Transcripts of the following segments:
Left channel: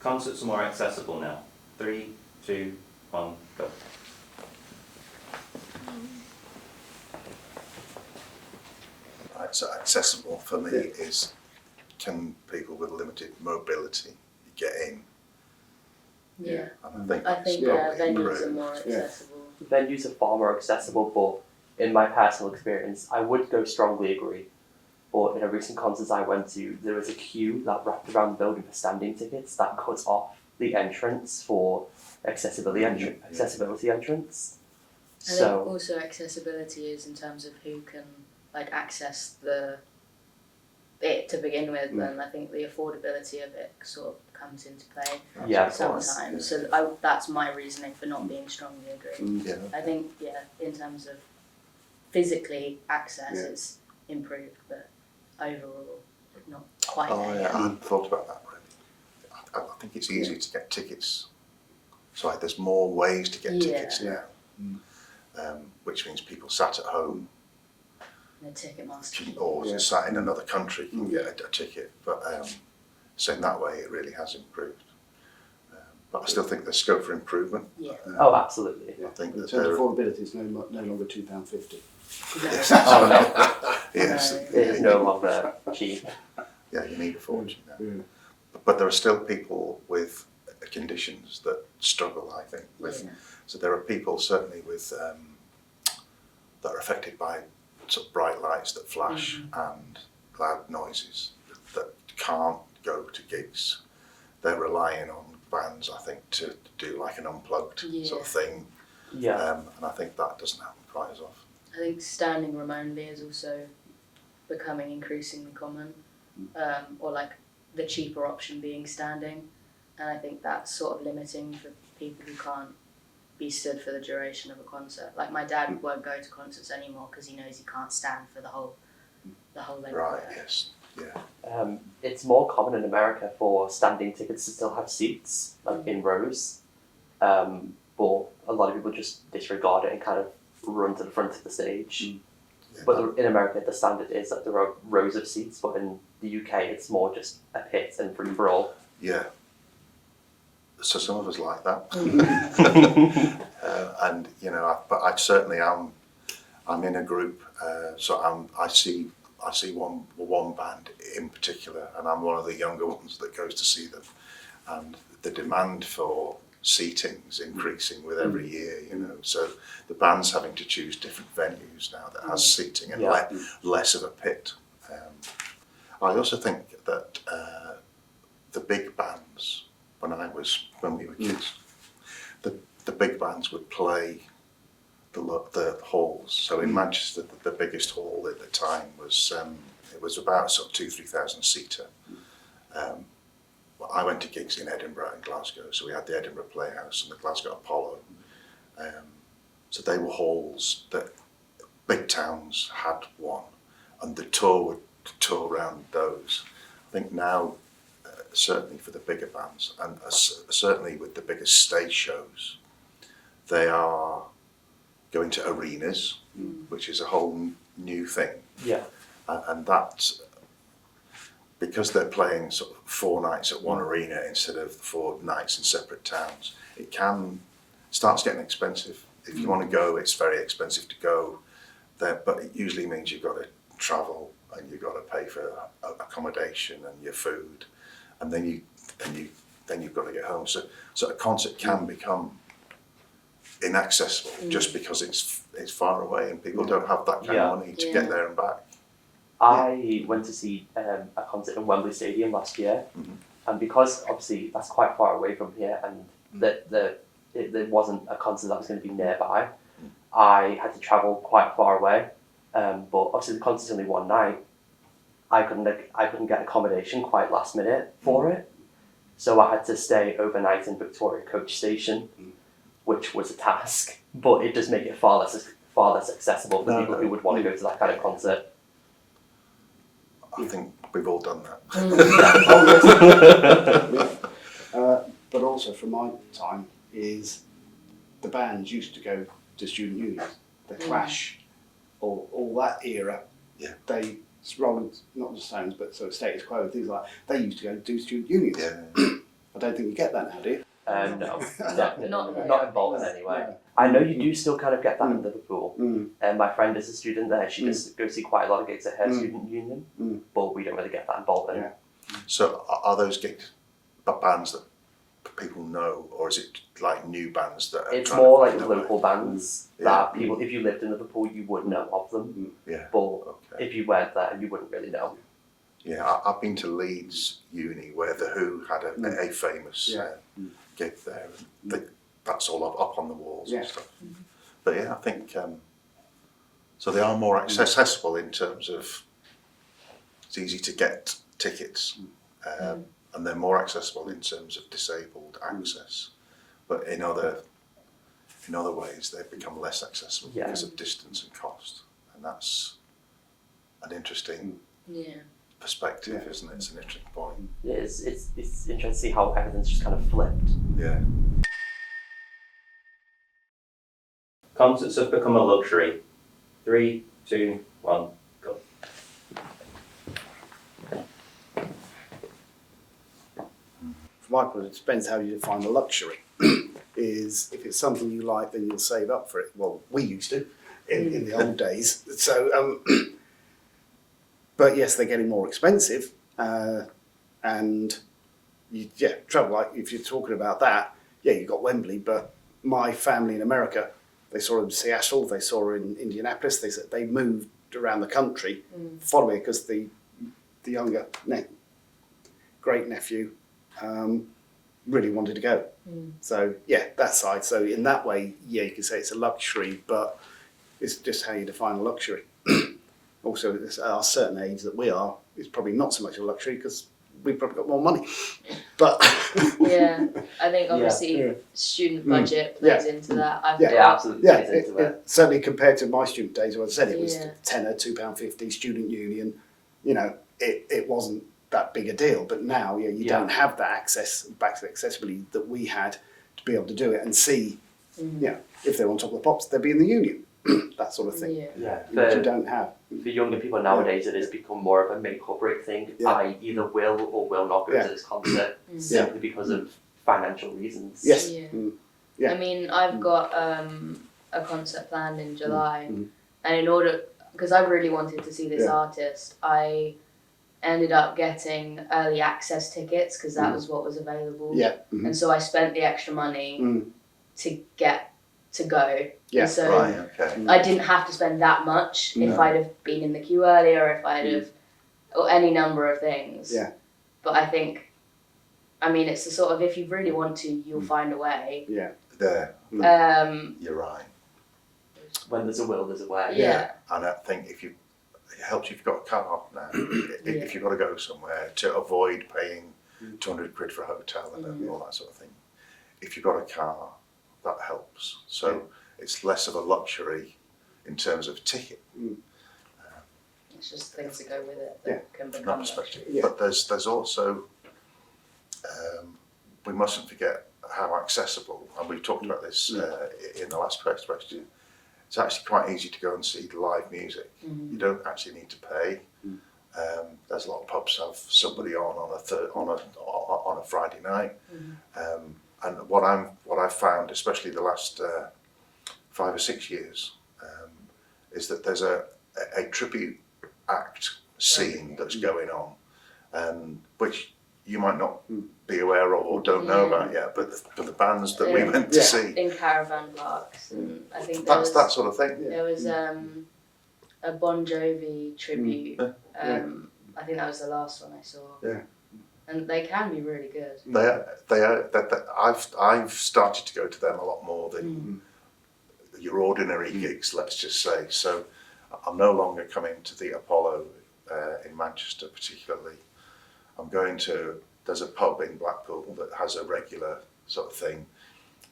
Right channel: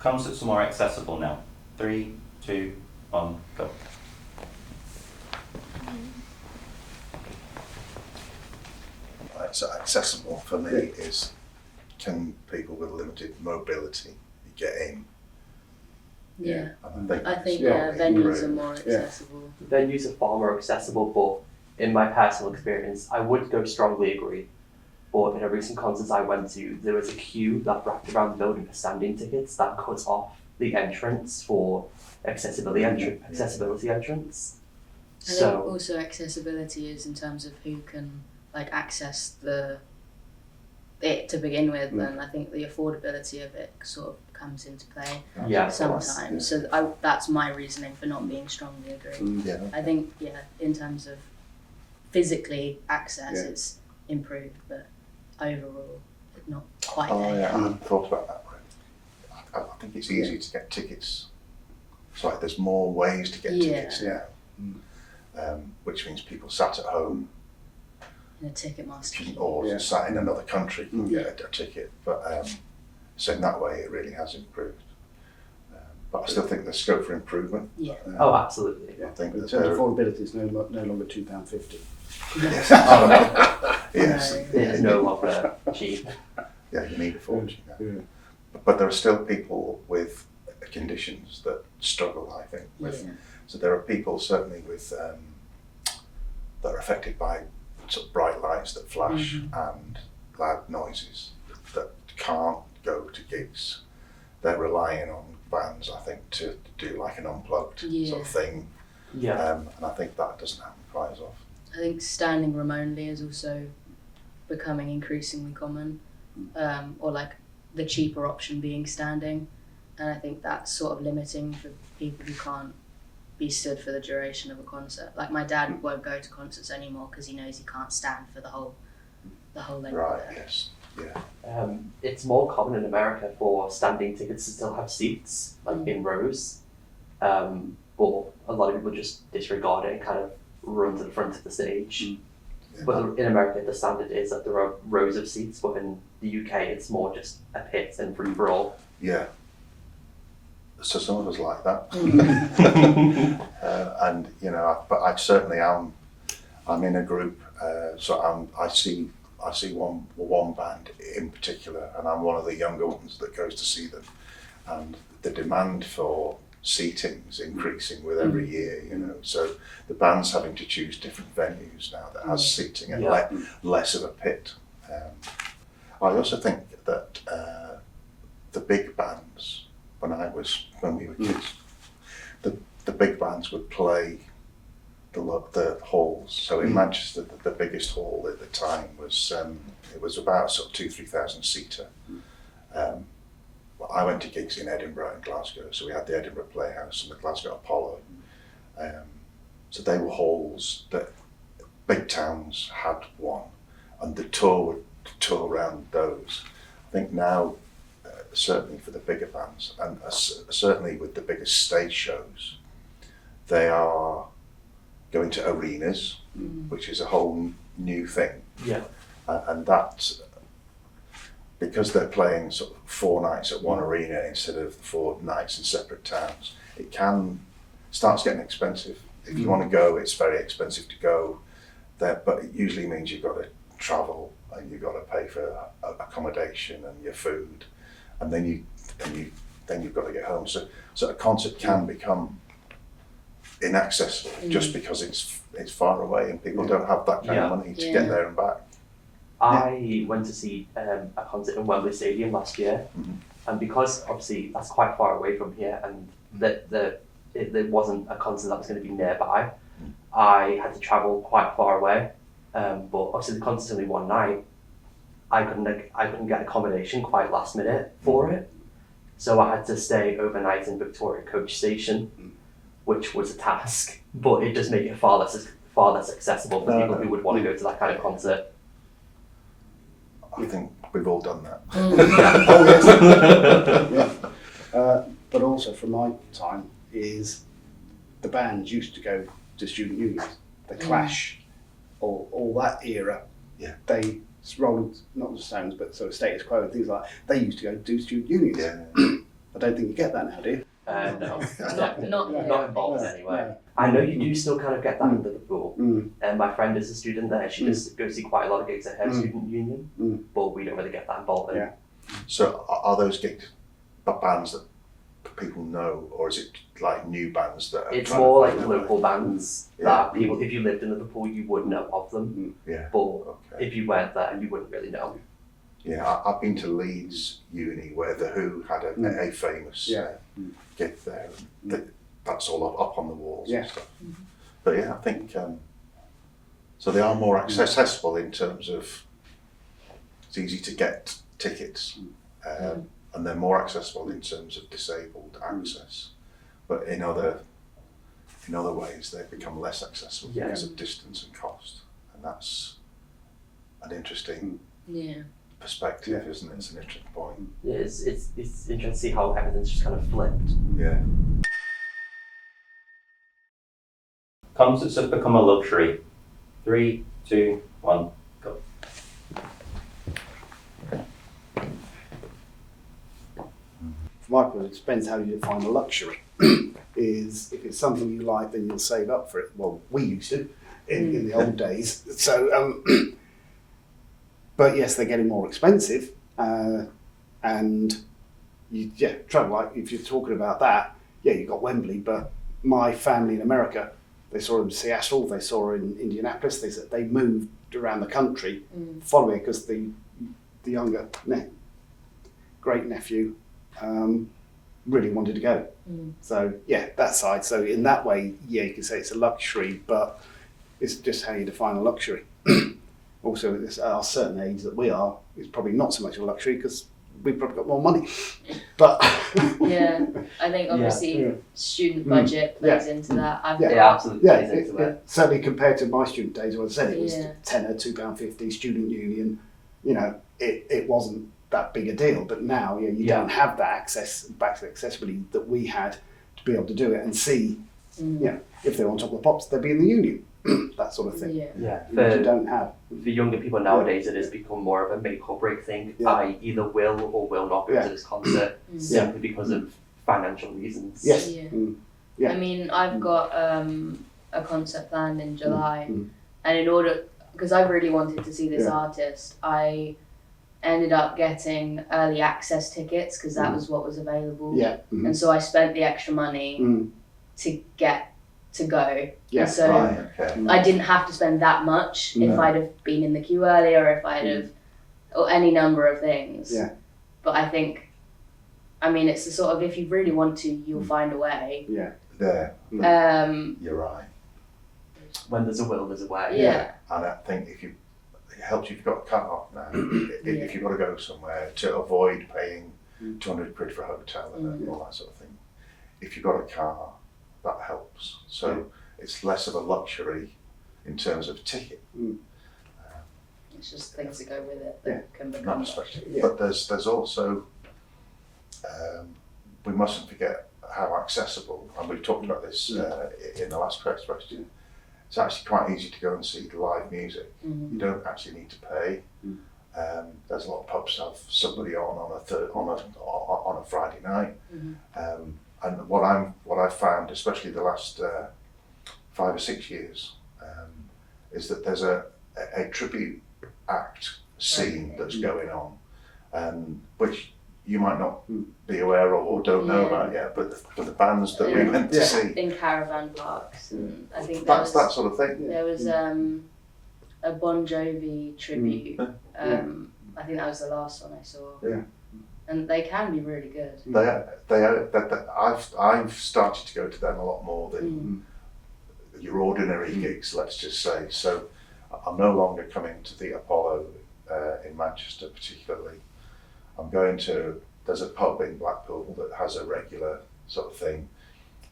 Concerts are more accessible now. 3, 2, 1, go. Right, so accessible for me is, can people with limited mobility get in? Yeah. And I think that's venues are more accessible. Venues are far more accessible, but in my personal experience, I would go strongly agree. But in a recent concert I went to, there was a queue that wrapped around the building for standing tickets that cut off the entrance for accessibility entrance. I think also accessibility is in terms of who can access it to begin with, and I think the affordability of it sort of comes into play sometimes. So that's my reasoning for not being strongly agreed. I think in terms of physically access, it's improved, but overall, not quite. I hadn't thought about that. Really. I think it's easier to get tickets. So there's more ways to get tickets now, which means people sat at home in a Ticketmaster or sat in another country can get a ticket. But so in that way, it really has improved. But I still think there's scope for improvement. Yeah. Oh, absolutely. I think in terms of affordability, it's no longer £2.50. Yes. Oh no. Yes. It's no longer cheap. Yeah, you need a fortune. But there are still people with conditions that struggle, I think. So there are people certainly with that are affected by sort of bright lights that flash and loud noises that can't go to gigs. They're relying on bands, I think, to do like an unplugged sort of thing. Yeah. And I think that doesn't happen quite as often. I think standing room only is also becoming increasingly common, or the cheaper option being standing, and I think that's sort of limiting for people who can't be stood for the duration of a concert. Like my dad won't go to concerts anymore because he knows he can't stand for the whole length. Right. Yes. Yeah. It's more common in America for standing tickets to still have seats, in rows, but a lot of people just disregard it and kind of run to the front of the stage. But in America, the standard is that there are rows of seats, but in the UK, it's more just a pit and free for all. Yeah. So some of us like that, and but I certainly am. I'm in a group, so I see one band in particular, and I'm one of the younger ones that goes to see them, and the demand for seating is increasing with every year. So the band's having to choose different venues now that has seating and less of a pit. I also think that the big bands, when we were kids, the big bands would play the halls. So in Manchester, the biggest hall at the time was it was about sort of 2,000-3,000 seater. I went to gigs in Edinburgh and Glasgow, so we had the Edinburgh Playhouse and the Glasgow Apollo. So they were halls that big towns had one, and the tour would tour around those. I think now, certainly for the bigger bands, and certainly with the biggest stage shows, they are going to arenas, which is a whole new thing. Yeah. And that's because they're playing sort of 4 nights at one arena instead of 4 nights in separate towns. It starts getting expensive. If you want to go, it's very expensive to go there, but it usually means you've got to travel and you've got to pay for accommodation and your food, and then you've got to get home. So a concert can become inaccessible just because it's far away and people don't have that kind of money to get there and back. I went to see a concert in Wembley Stadium last year, and because obviously that's quite far away from here, and there wasn't a concert that was going to be nearby, I had to travel quite far away. But obviously the concert's only one night. I couldn't get accommodation quite last minute for it, so I had to stay overnight in Victoria Coach Station, which was a task. But it does make it far less accessible for people who would want to go to that kind of concert. I think we've all done that. But also from my time is the bands used to go to student unions. The Clash, all that era. Yeah. They Rolling, not the Stones, but sort of Status Quo and things like that. They used to go do student unions. Yeah. don't think you get that now, do you? No, Not in Bolton anyway. No. I know you do still kind of get that in Liverpool. Mm. My friend is a student there. She does go see quite a lot of gigs at her student union, but we don't really get that in Bolton. Yeah. So are those gigs bands that people know, or is it like new bands that are It's trying more to like find their way? local bands that people, if you lived in Liverpool, you would know of them. Yeah. But Okay. if you weren't there, you wouldn't really know. Yeah, I've been to Leeds Uni where the Who had a famous gig there. And that's all up on the walls and stuff. But yeah, I think so. They are more accessible in terms of it's easy to get tickets, and they're more accessible in terms of disabled access. But in other ways, they've become less accessible because of distance and cost, and that's an interesting perspective, isn't it? It's an interesting point. Yeah, it's interesting to see how everything's just kind of flipped. Yeah. Concerts have become a luxury. 3, 2, 1, go. For my point, it depends how you define a luxury. Is if it's something you like, then you'll save up for it. Well, we used to in the old days. So, but yes, they're getting more expensive, and trouble. Like if you're talking about that, you got Wembley, but my family in America, they saw in Seattle, they saw in Indianapolis. They moved around the country following because the younger great nephew really wanted to go. So that side. So in that way, you can say it's a luxury, but it's just how you define a luxury. Also, at a certain age that we are, it's probably not so much a luxury because we've probably got more money. But I think obviously student budget plays into that. Absolutely plays into it. Certainly compared to my student days, when I said it was tenner, £2.50, student union, it wasn't that big a deal. But now, you don't have that accessibility that we had to be able to do it and see, if they were on top of the pops, they'd be in the union, that sort of thing. Which you don't have. For younger people nowadays, it has become more of a make or break thing. I either will or will not go to this concert simply because of financial reasons. Yes. I mean, I've got a concert planned in July, and in order, because I really wanted to see this artist, I ended up getting early access tickets because that was what was available. And so I spent the extra money to get to go. And so I didn't have to spend that much if I'd have been in the queue earlier, or if I'd have, or any number of things. But I think, I mean, it's the sort of, if you really want to, you'll find a way. There. You're right. When there's a will, there's a way. And I think it helps if you've got a car now. If you've got to go somewhere to avoid paying 200 quid for a hotel and all that sort of thing. If you've got a car, that helps. So it's less of a luxury in terms of ticket. It's just things that go with it that can become luxury. But there's also, we mustn't forget how accessible, and we've talked about this in the last question. It's actually quite easy to go and see the live music. You don't actually need to pay. There's a lot of pubs have somebody on a Friday night. And what I've found, especially the last 5 or 6 years, is that there's a tribute act scene that's going on, which you might not be aware of or don't know about yet, but the bands that we went to see in caravan parks, and I think that's that sort of thing. There was a Bon Jovi tribute. I think that was the last one I saw. And they can be really good. They are. I've started to go to them a lot more than your ordinary gigs, let's just say. So I'm no longer coming to the Apollo in Manchester particularly. I'm going to, there's a pub in Blackpool that has a regular sort of thing.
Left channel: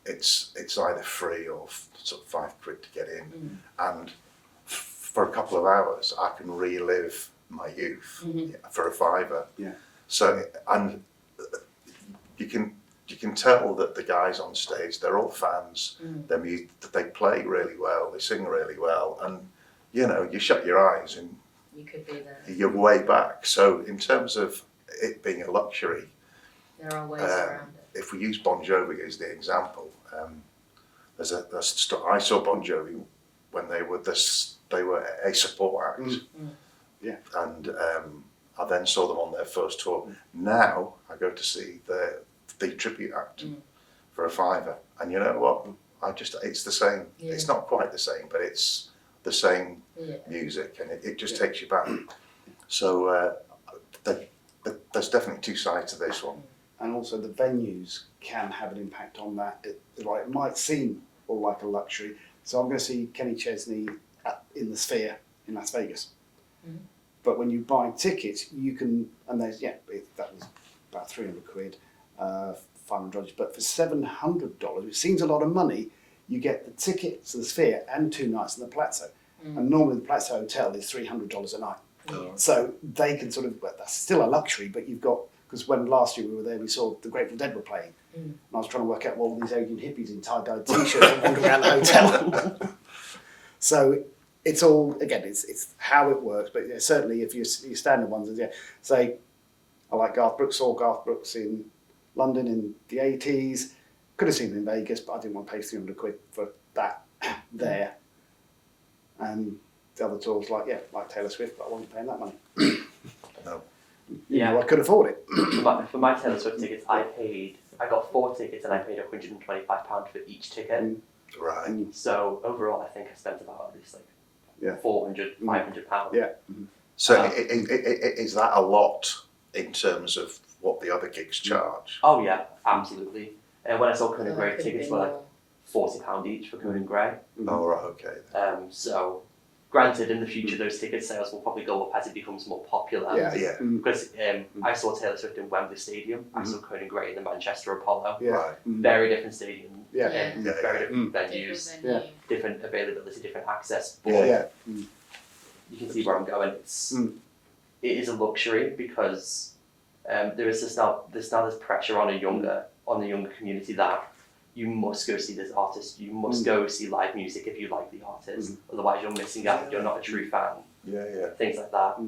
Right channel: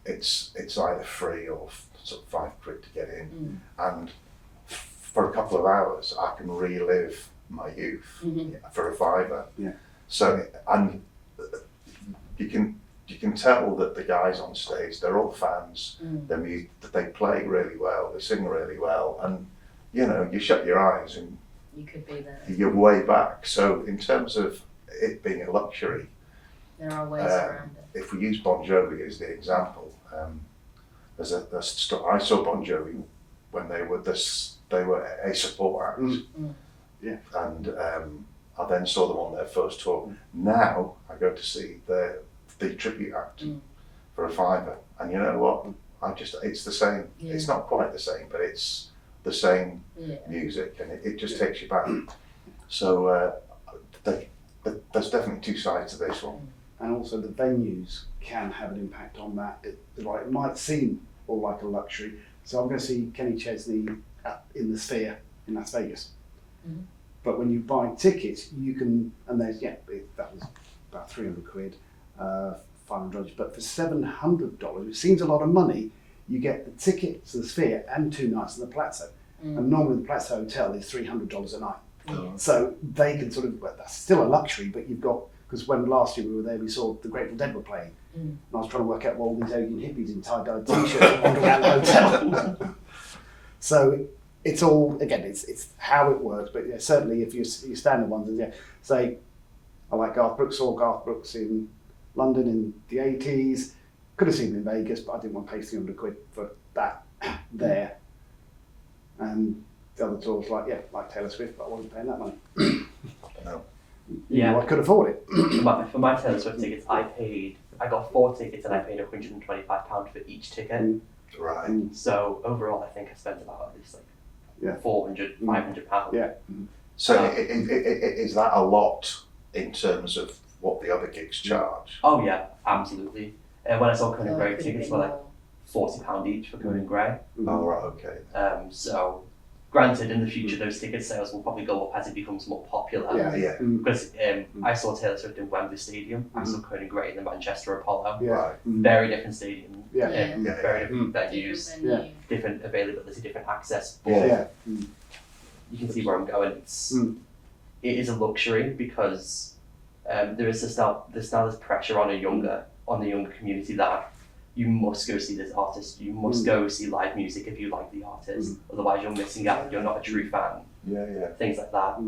It's either free or sort of £5 to get in, and for a couple of hours I can relive my youth for a £5. So, and you can tell that the guys on stage, they're all fans. They play really well, they sing really well, and you shut your eyes and you could be there. You're way back. So in terms of it being a luxury, there are ways around it. if we use Bon Jovi as the example, I saw Bon Jovi when they were a support act, Yeah. and I then saw them on their first tour. Now I go to see the tribute act for a £5, and you know what? It's the same. Yeah. It's not quite the same, but it's the same Yeah. music, and it just takes you back. So there's definitely two sides to this one. And also the venues can have an impact on that. It might seem all like a luxury. So I'm going to see Kenny Chesney in the Sphere in Las Vegas. Mm. But when you buy tickets, you can, and there's, that was about £300, $500. But for $700, which seems a lot of money, you get the ticket to the Sphere and 2 nights in the Palazzo. And normally the Palazzo Hotel is $300 a night. So they can sort of, that's still a luxury, but you've got, because when last year we were there, we saw the Grateful Dead were playing. And I was trying to work out what all these Asian hippies in tie-dyed t-shirts and wander around the hotel. So it's all, again, it's how it works. But yeah, certainly if you're standard ones, say, I like Garth Brooks, saw Garth Brooks in London in the 80s. Could have seen him in Vegas, but I didn't want to pay £300 for that there. And the other tour was like Taylor Swift, but I wasn't paying that money. No. Yeah. I could afford it. For my Taylor Swift tickets, I got 4 tickets and I paid £125 for each ticket. Right. So overall, I think I spent about at least Yeah. £400, £500. Yeah. So is that a lot in terms of what the other gigs charge? Oh yeah, absolutely. When I saw Conan Gray, Could tickets be were like more. £40 each for Conan Gray. Oh, right, okay. So granted, in the future, those ticket sales will probably go up as it becomes more popular. Yeah. Because I saw Taylor Swift in Wembley Stadium. I saw Conan Gray in the Manchester Apollo. Yeah. Right. Very different stadium. Yeah. Very different venues, Different venue. different availability, different access. But Yeah. you can see where I'm going. It is a luxury because there's now this pressure on the younger community that you must go see this artist. You must go see live music if you like the artist. Otherwise, you're missing out. You're not a true fan. Yeah. Things like that.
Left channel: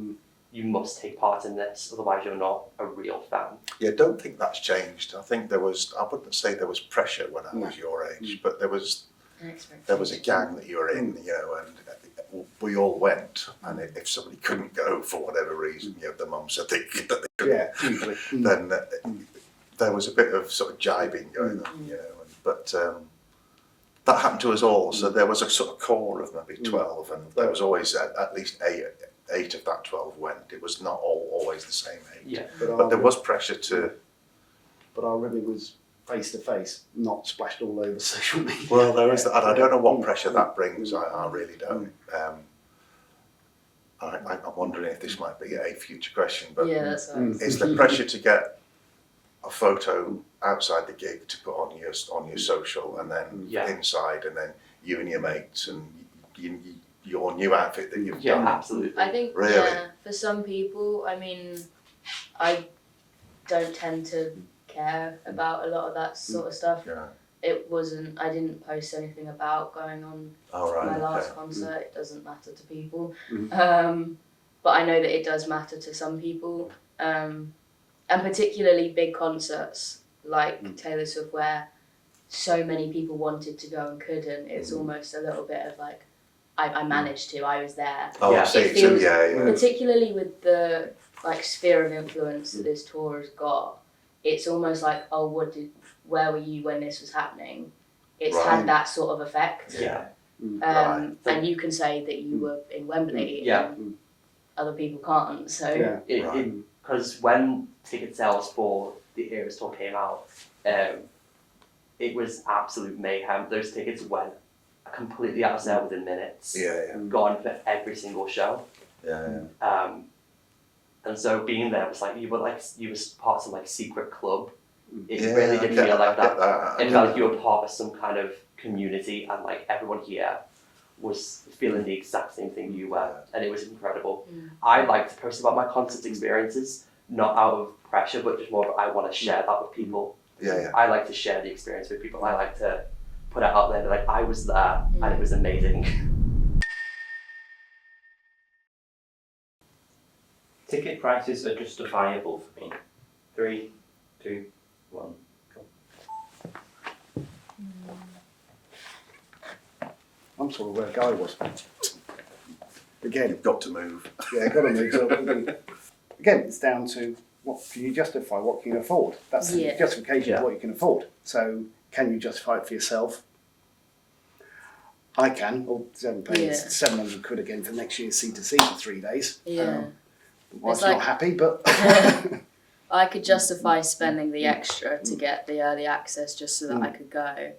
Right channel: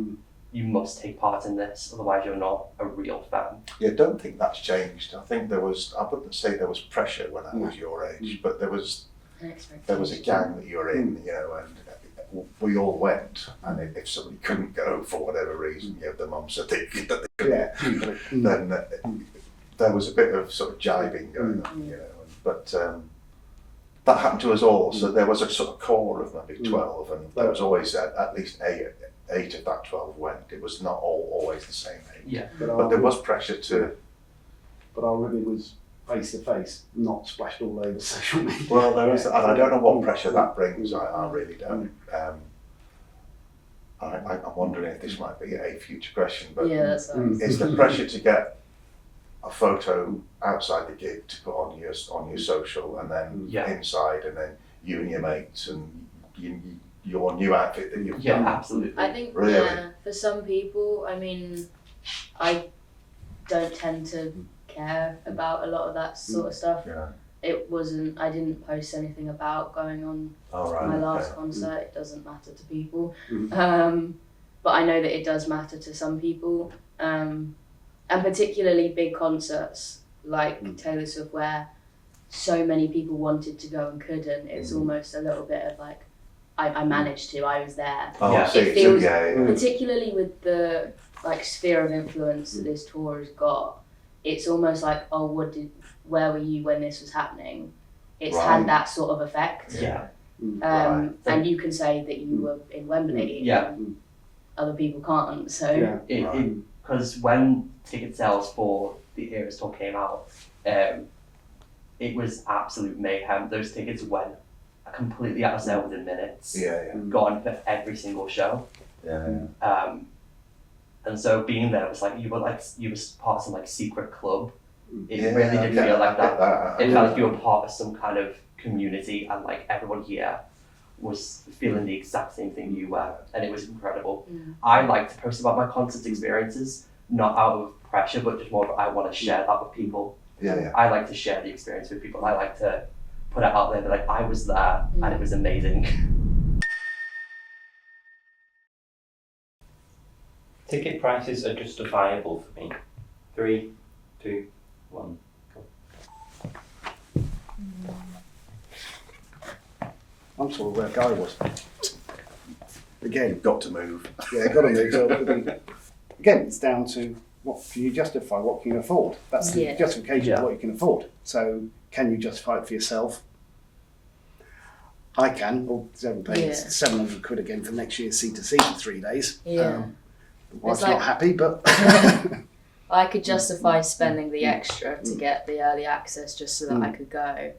You must take part in this. Otherwise, you're not a real fan. Yeah, don't think that's changed. I think I wouldn't say there was pressure when I was your age, but there was a gang that you were in, and we all went, and if somebody couldn't go for whatever reason, the mum said that they couldn't, then there was a bit of sort of jibing going on, but that happened to us all, so there was a sort of core of maybe 12, and there was always at least eight of that 12 went. It was not always the same age. Yeah. But there was pressure to... But our ribbon was face to face, not splashed all over social media. Well, there is that, and I don't know what pressure that brings. I really don't. I'm wondering if this might be a future question, but that's right. is the pressure to get a photo outside the gig to put on your social, and then inside, and then you and your mates and your new outfit that you've done? Absolutely. I think Really? for some people, I mean, I don't tend to care about a lot of that sort of stuff. Yeah. I didn't post anything about going on All right. my last okay. concert. It doesn't matter to people. But I know that it does matter to some people. And particularly big concerts like Taylor Swift, where so many people wanted to go and couldn't. It's almost a little bit of like, I managed to, I was there. Oh, Yeah. I see. It feels, Yeah. particularly with the like sphere of influence that this tour has got, it's almost like, where were you when this was happening? It's Right. had that sort of effect. Yeah. Right. And you can say that you were in Wembley. Yeah. And other people can't. So Because when ticket sales for the Eras tour came out, it was absolute mayhem. Those tickets went completely out of sale within minutes. Yeah. Gone for every single show. Yeah. And so being there was like you were part of some like secret club. It Yeah, really did feel like that. that. It felt like you were part of some kind of community, and like everyone here was feeling the exact same thing you were, and it was incredible. I like to post about my concert experiences, not out of pressure, but just more of I want to share that with people. Yeah. I like to share the experience with people. I like to put it out there, like I was there and it was amazing. Ticket prices are justifiable for me. 3, 2, 1, go. I'm sorry where Guy was. Again, You've got to move. yeah, got to move. So again, it's down to what can you justify, what can you afford? That's the Yeah. justification of what you can afford. So can you justify it for yourself? I can, or paying Yeah. 700 quid again for next year's C2C for 3 days. Yeah. Wife's It's like- not happy, but I could justify spending the extra to get the early access just so that I could go.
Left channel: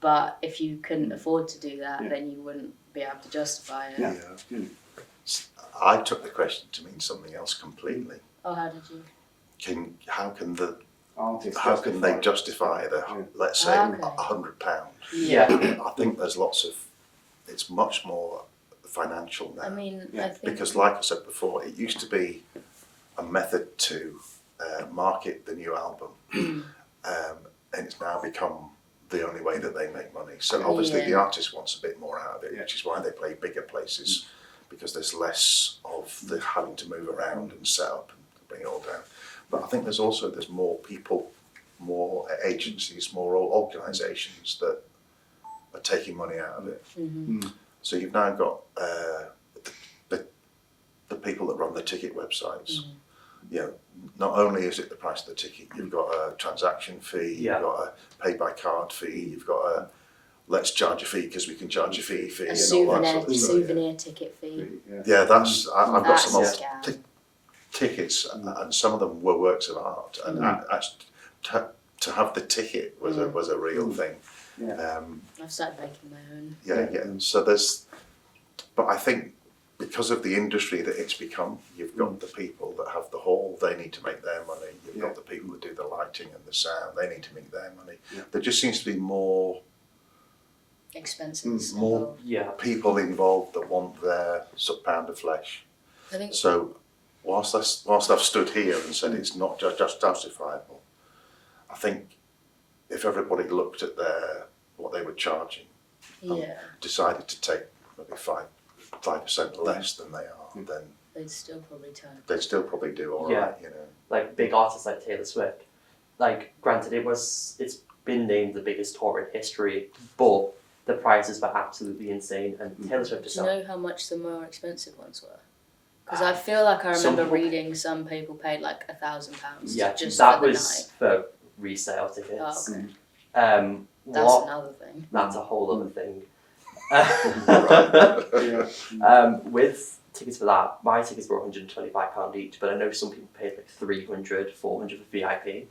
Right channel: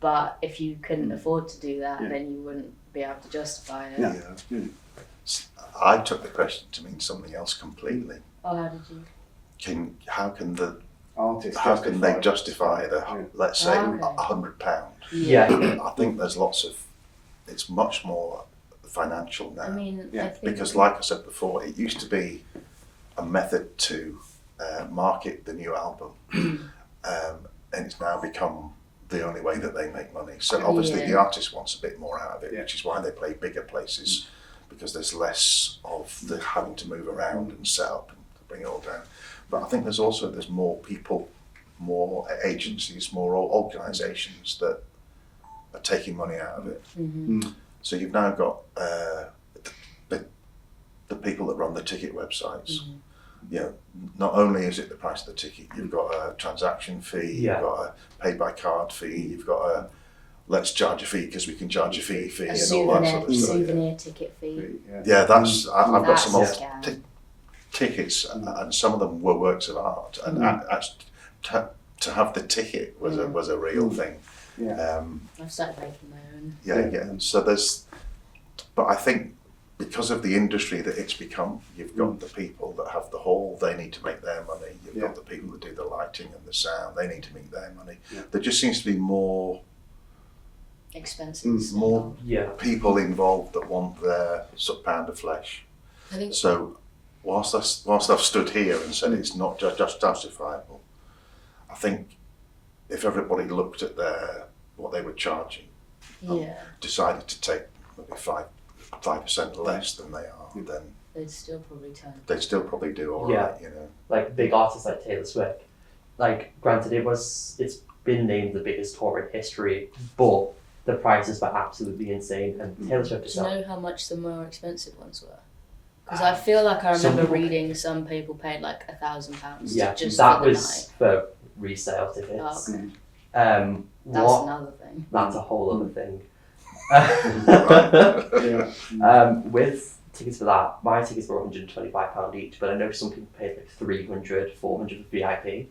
But if you couldn't afford to do that, Yeah. then you wouldn't be able to justify it. No. Yeah. I took the question to mean something else completely. Oh, how did you? How can they justify let's say Okay. £100? Yeah. I think there's lots of. It's much more financial now. I mean, Yeah, I think Because, like I said before, it used to be a method to market the new album, and it's now become the only way that they make money. So obviously, the Yeah. artist wants a bit more out of it, Yeah. which is why they play bigger places, because there's less of the having to move around and set up and bring it all down. But I think there's more people, more agencies, more organisations that are taking money out of it. So you've now got the people that run the ticket websites. You know, not only is it the price of the ticket, you've got a transaction fee, Yeah. you've got a pay by card fee, you've got a let's charge a fee because we can charge a fee a and all that sort of stuff. souvenir ticket fee. Yeah, that's I've got That's some a old scam. tickets, and some of them were works of art, and to have the ticket was a real thing. Yeah. I've started making my own. Yeah. So but I think because of the industry that it's become, you've got the people that have the hall, they need to make their money. You've got the people that do the lighting and the sound, they need to make their money. There just seems to be more Expenses. more Yeah. people involved that want their pound of flesh. I think So whilst I've stood here and said it's not just justifiable, I think if everybody looked at what they were charging, decided to take maybe 5% less than they are, then they'd still probably turn. they'd still probably do all Yeah. right, you know. Like big artists like Taylor Swift. Like, granted, it's been named the biggest tour in history, but the prices were absolutely insane. And Taylor Swift Do herself. you know how much the more expensive ones were? Because I feel like I Some remember people- reading some people paid like £1,000 Yeah, just that for the was for resale tickets. night. Oh, okay. That's What? another thing. That's a whole other thing. With tickets for that, my tickets were £125 each, but I know some people paid like 300, 400 for VIP.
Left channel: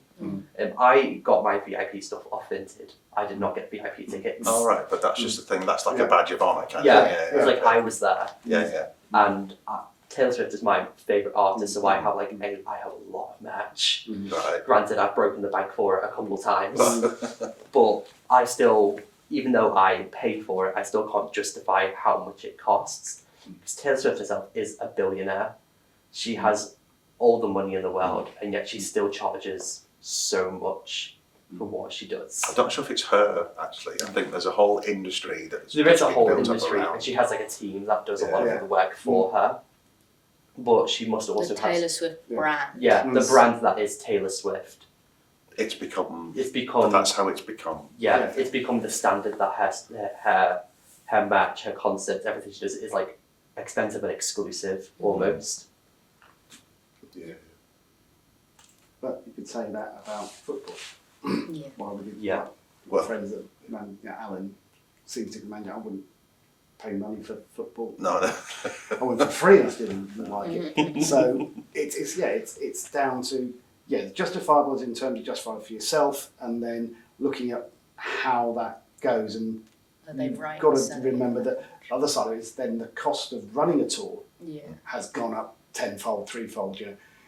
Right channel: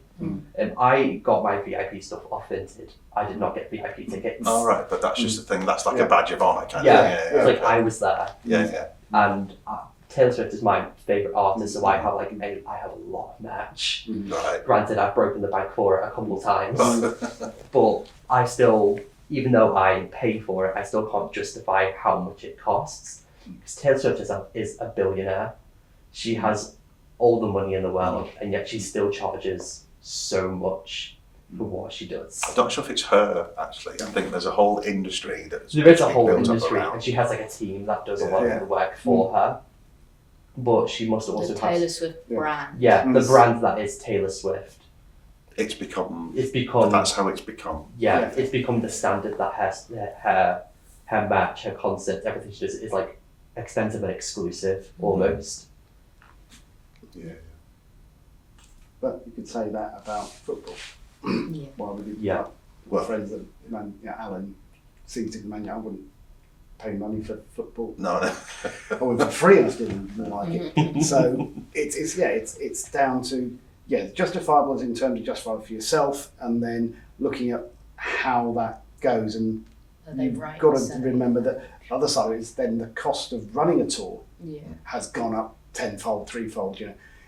I got my VIP stuff off Vinted. I did not get VIP tickets. All right, but that's just the thing. That's like a badge of honour, kind Yeah, of. it's like I was there, Yeah. and Taylor Swift is my favourite artist, so I have I have a lot of merch. Right. Granted, I've broken the bank for it a couple of times, but I still, even though I pay for it, I still can't justify how much it costs. Because Taylor Swift herself is a billionaire. She has all the money in the world, and yet she still charges so much for what she does. I'm not sure if it's her, actually. I think there's a whole industry that's There is a been whole built up industry, around. and she has like a team that does a lot Yeah. of the work for her. But she must also The have Taylor Swift brand. the brand that is Taylor Swift. It's become. It's become That's how it's become. Yeah. it's become the standard that her match, her concept, everything she does is like expensive and exclusive almost. Yeah. But you could say that about football. Yeah. Well, we did. Yeah. Well- Friends that Alan seems to man. I wouldn't pay money for football. No. Or for free, I still wouldn't like it. So it's down to justifiable in terms of justifiable for yourself, and then looking at how that goes, and Are they you've right got in to saying- remember that the other side is then the cost of running a tour Yeah. has gone up tenfold, threefold.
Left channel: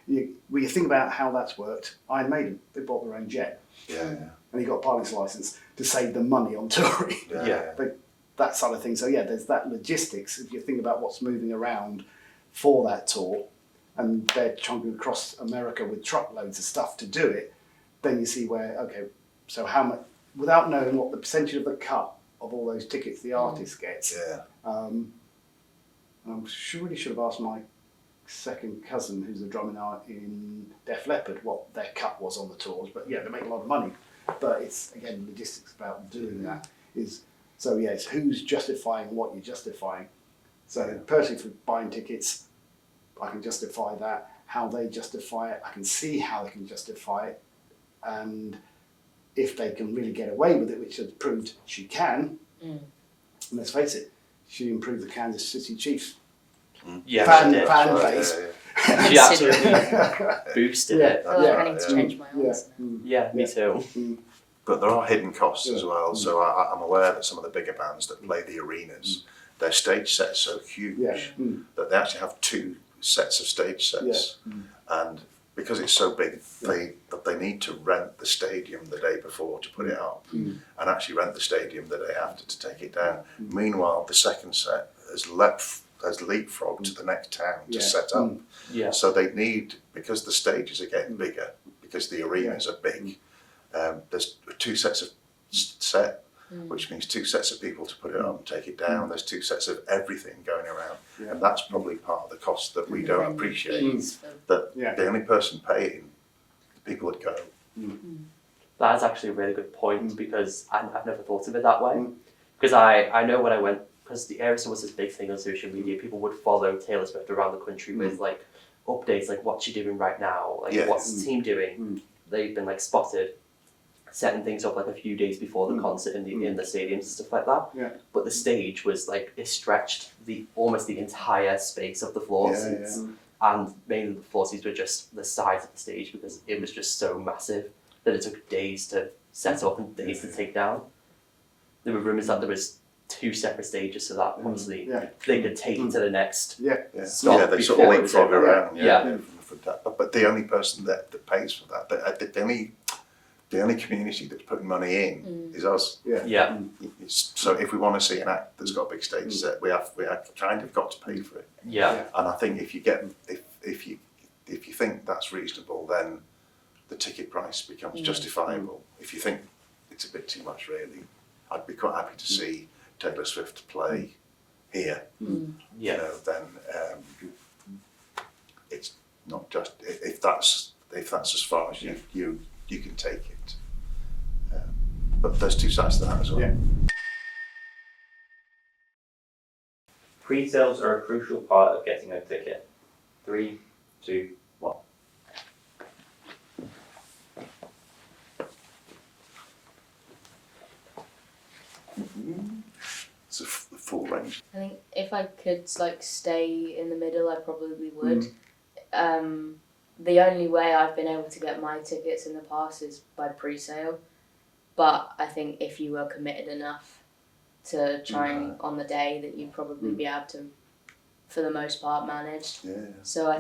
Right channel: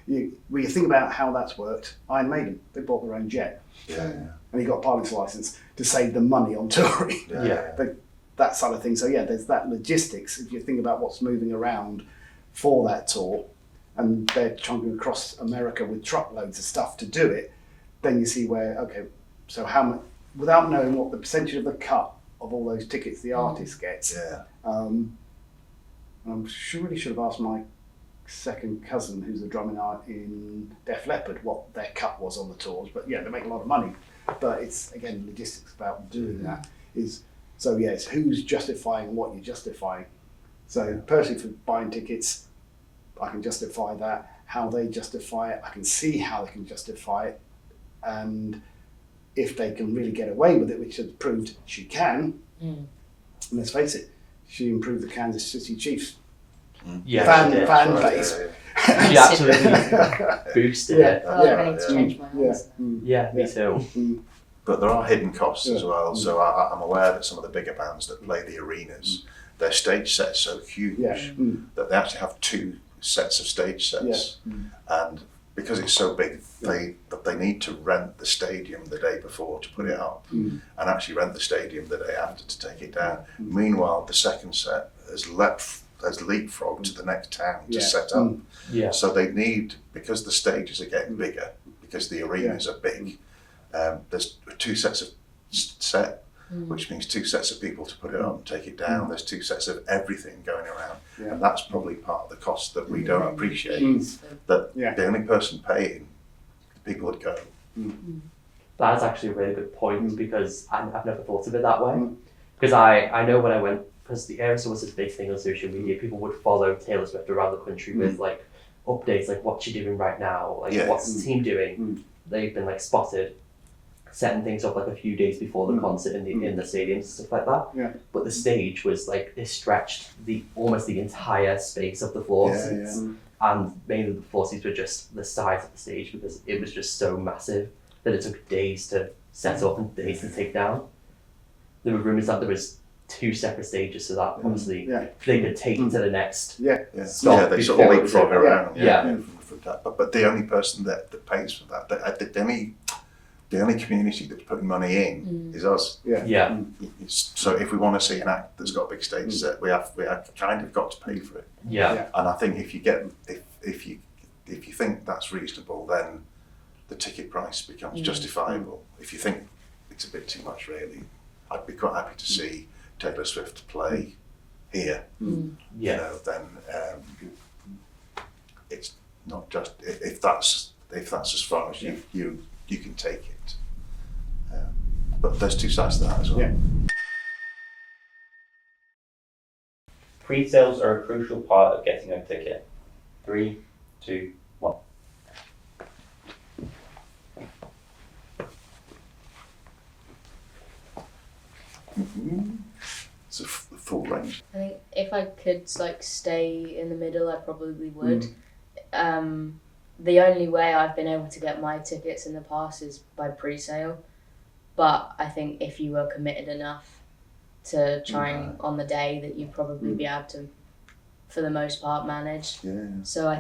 When you think about how that's worked, Iron Maiden, they bought their own jet, Yeah. and he got a pilot's license to save them money on touring. Yeah. That side of things. So there's that logistics. If you think about what's moving around for that tour, and they're chunking across America with truckloads of stuff to do it, then you see where so how much, without knowing what the percentage of the cut of all those tickets the artist gets. Yeah. I'm really should have asked my second cousin, who's a drumming in Def Leppard, what their cut was on the tours. But they make a lot of money. But it's again logistics about doing that is. So yeah, it's who's justifying what you're justifying. So personally, for buying tickets, I can justify that. How they justify it, I can see how they can justify it, and if they can really get away with it, which has proved she can. And let's face it, she improved the Kansas City Chiefs Yeah, fan she did. base. She absolutely boosted it. I feel like I need to change my answer. Yeah, me too. But there are hidden costs as Yeah. well. So I'm aware that some of the bigger bands that play the arenas, their stage set's so huge that they actually have 2 sets of stage sets. And because it's so big, they need to rent the stadium the day before to put it up, and actually rent the stadium the day after to take it down. Meanwhile, the second set has leapfrogged to the next town to set up. Yeah. So they need, because the stages are getting bigger, because the arenas are big, there's 2 sets of set, which means 2 sets of people to put it up and take it down. There's 2 sets of everything going around. And that's probably part of the cost that we don't appreciate. That the only person paying, the people that go. That's actually a really good point because I've never thought of it that way. Because I know when I went, because the Aerosol was this big thing on social media, people would follow Taylor Swift around the country with like updates, like what's she doing right now, like what's the team doing. They've been like spotted setting things up like a few days before the concert in the stadiums and stuff like that. But the stage was like, it stretched almost the entire space of the floor seats. And mainly the floor seats were just the size of the stage because it was just so massive that it took days to set up and days to take down. There were rumours that there was 2 separate stages so that obviously they could take it to the next stop They sort of before leapfrog around. Yeah. But the only person that pays for that, the only community that's putting money in is us. Yeah. So if we want to see an act that's got a big stage set, we have kind of got to pay for it. Yeah. And I think if you think that's reasonable, then the ticket price becomes justifiable. If you think it's a bit too much, really, I'd be quite happy to see Taylor Swift play here. You know, then it's not just if that's as far as you can take it. But there's 2 sides to that as well. Pre-sales are a crucial part of getting a ticket. 3, 2, 1. It's a full range. I think if I could like stay in the middle, I probably would. The only way I've been able to get my tickets in the past is by pre-sale. But I think if you were committed enough to trying on the day, that you'd probably be able to, for the most part, manage. So I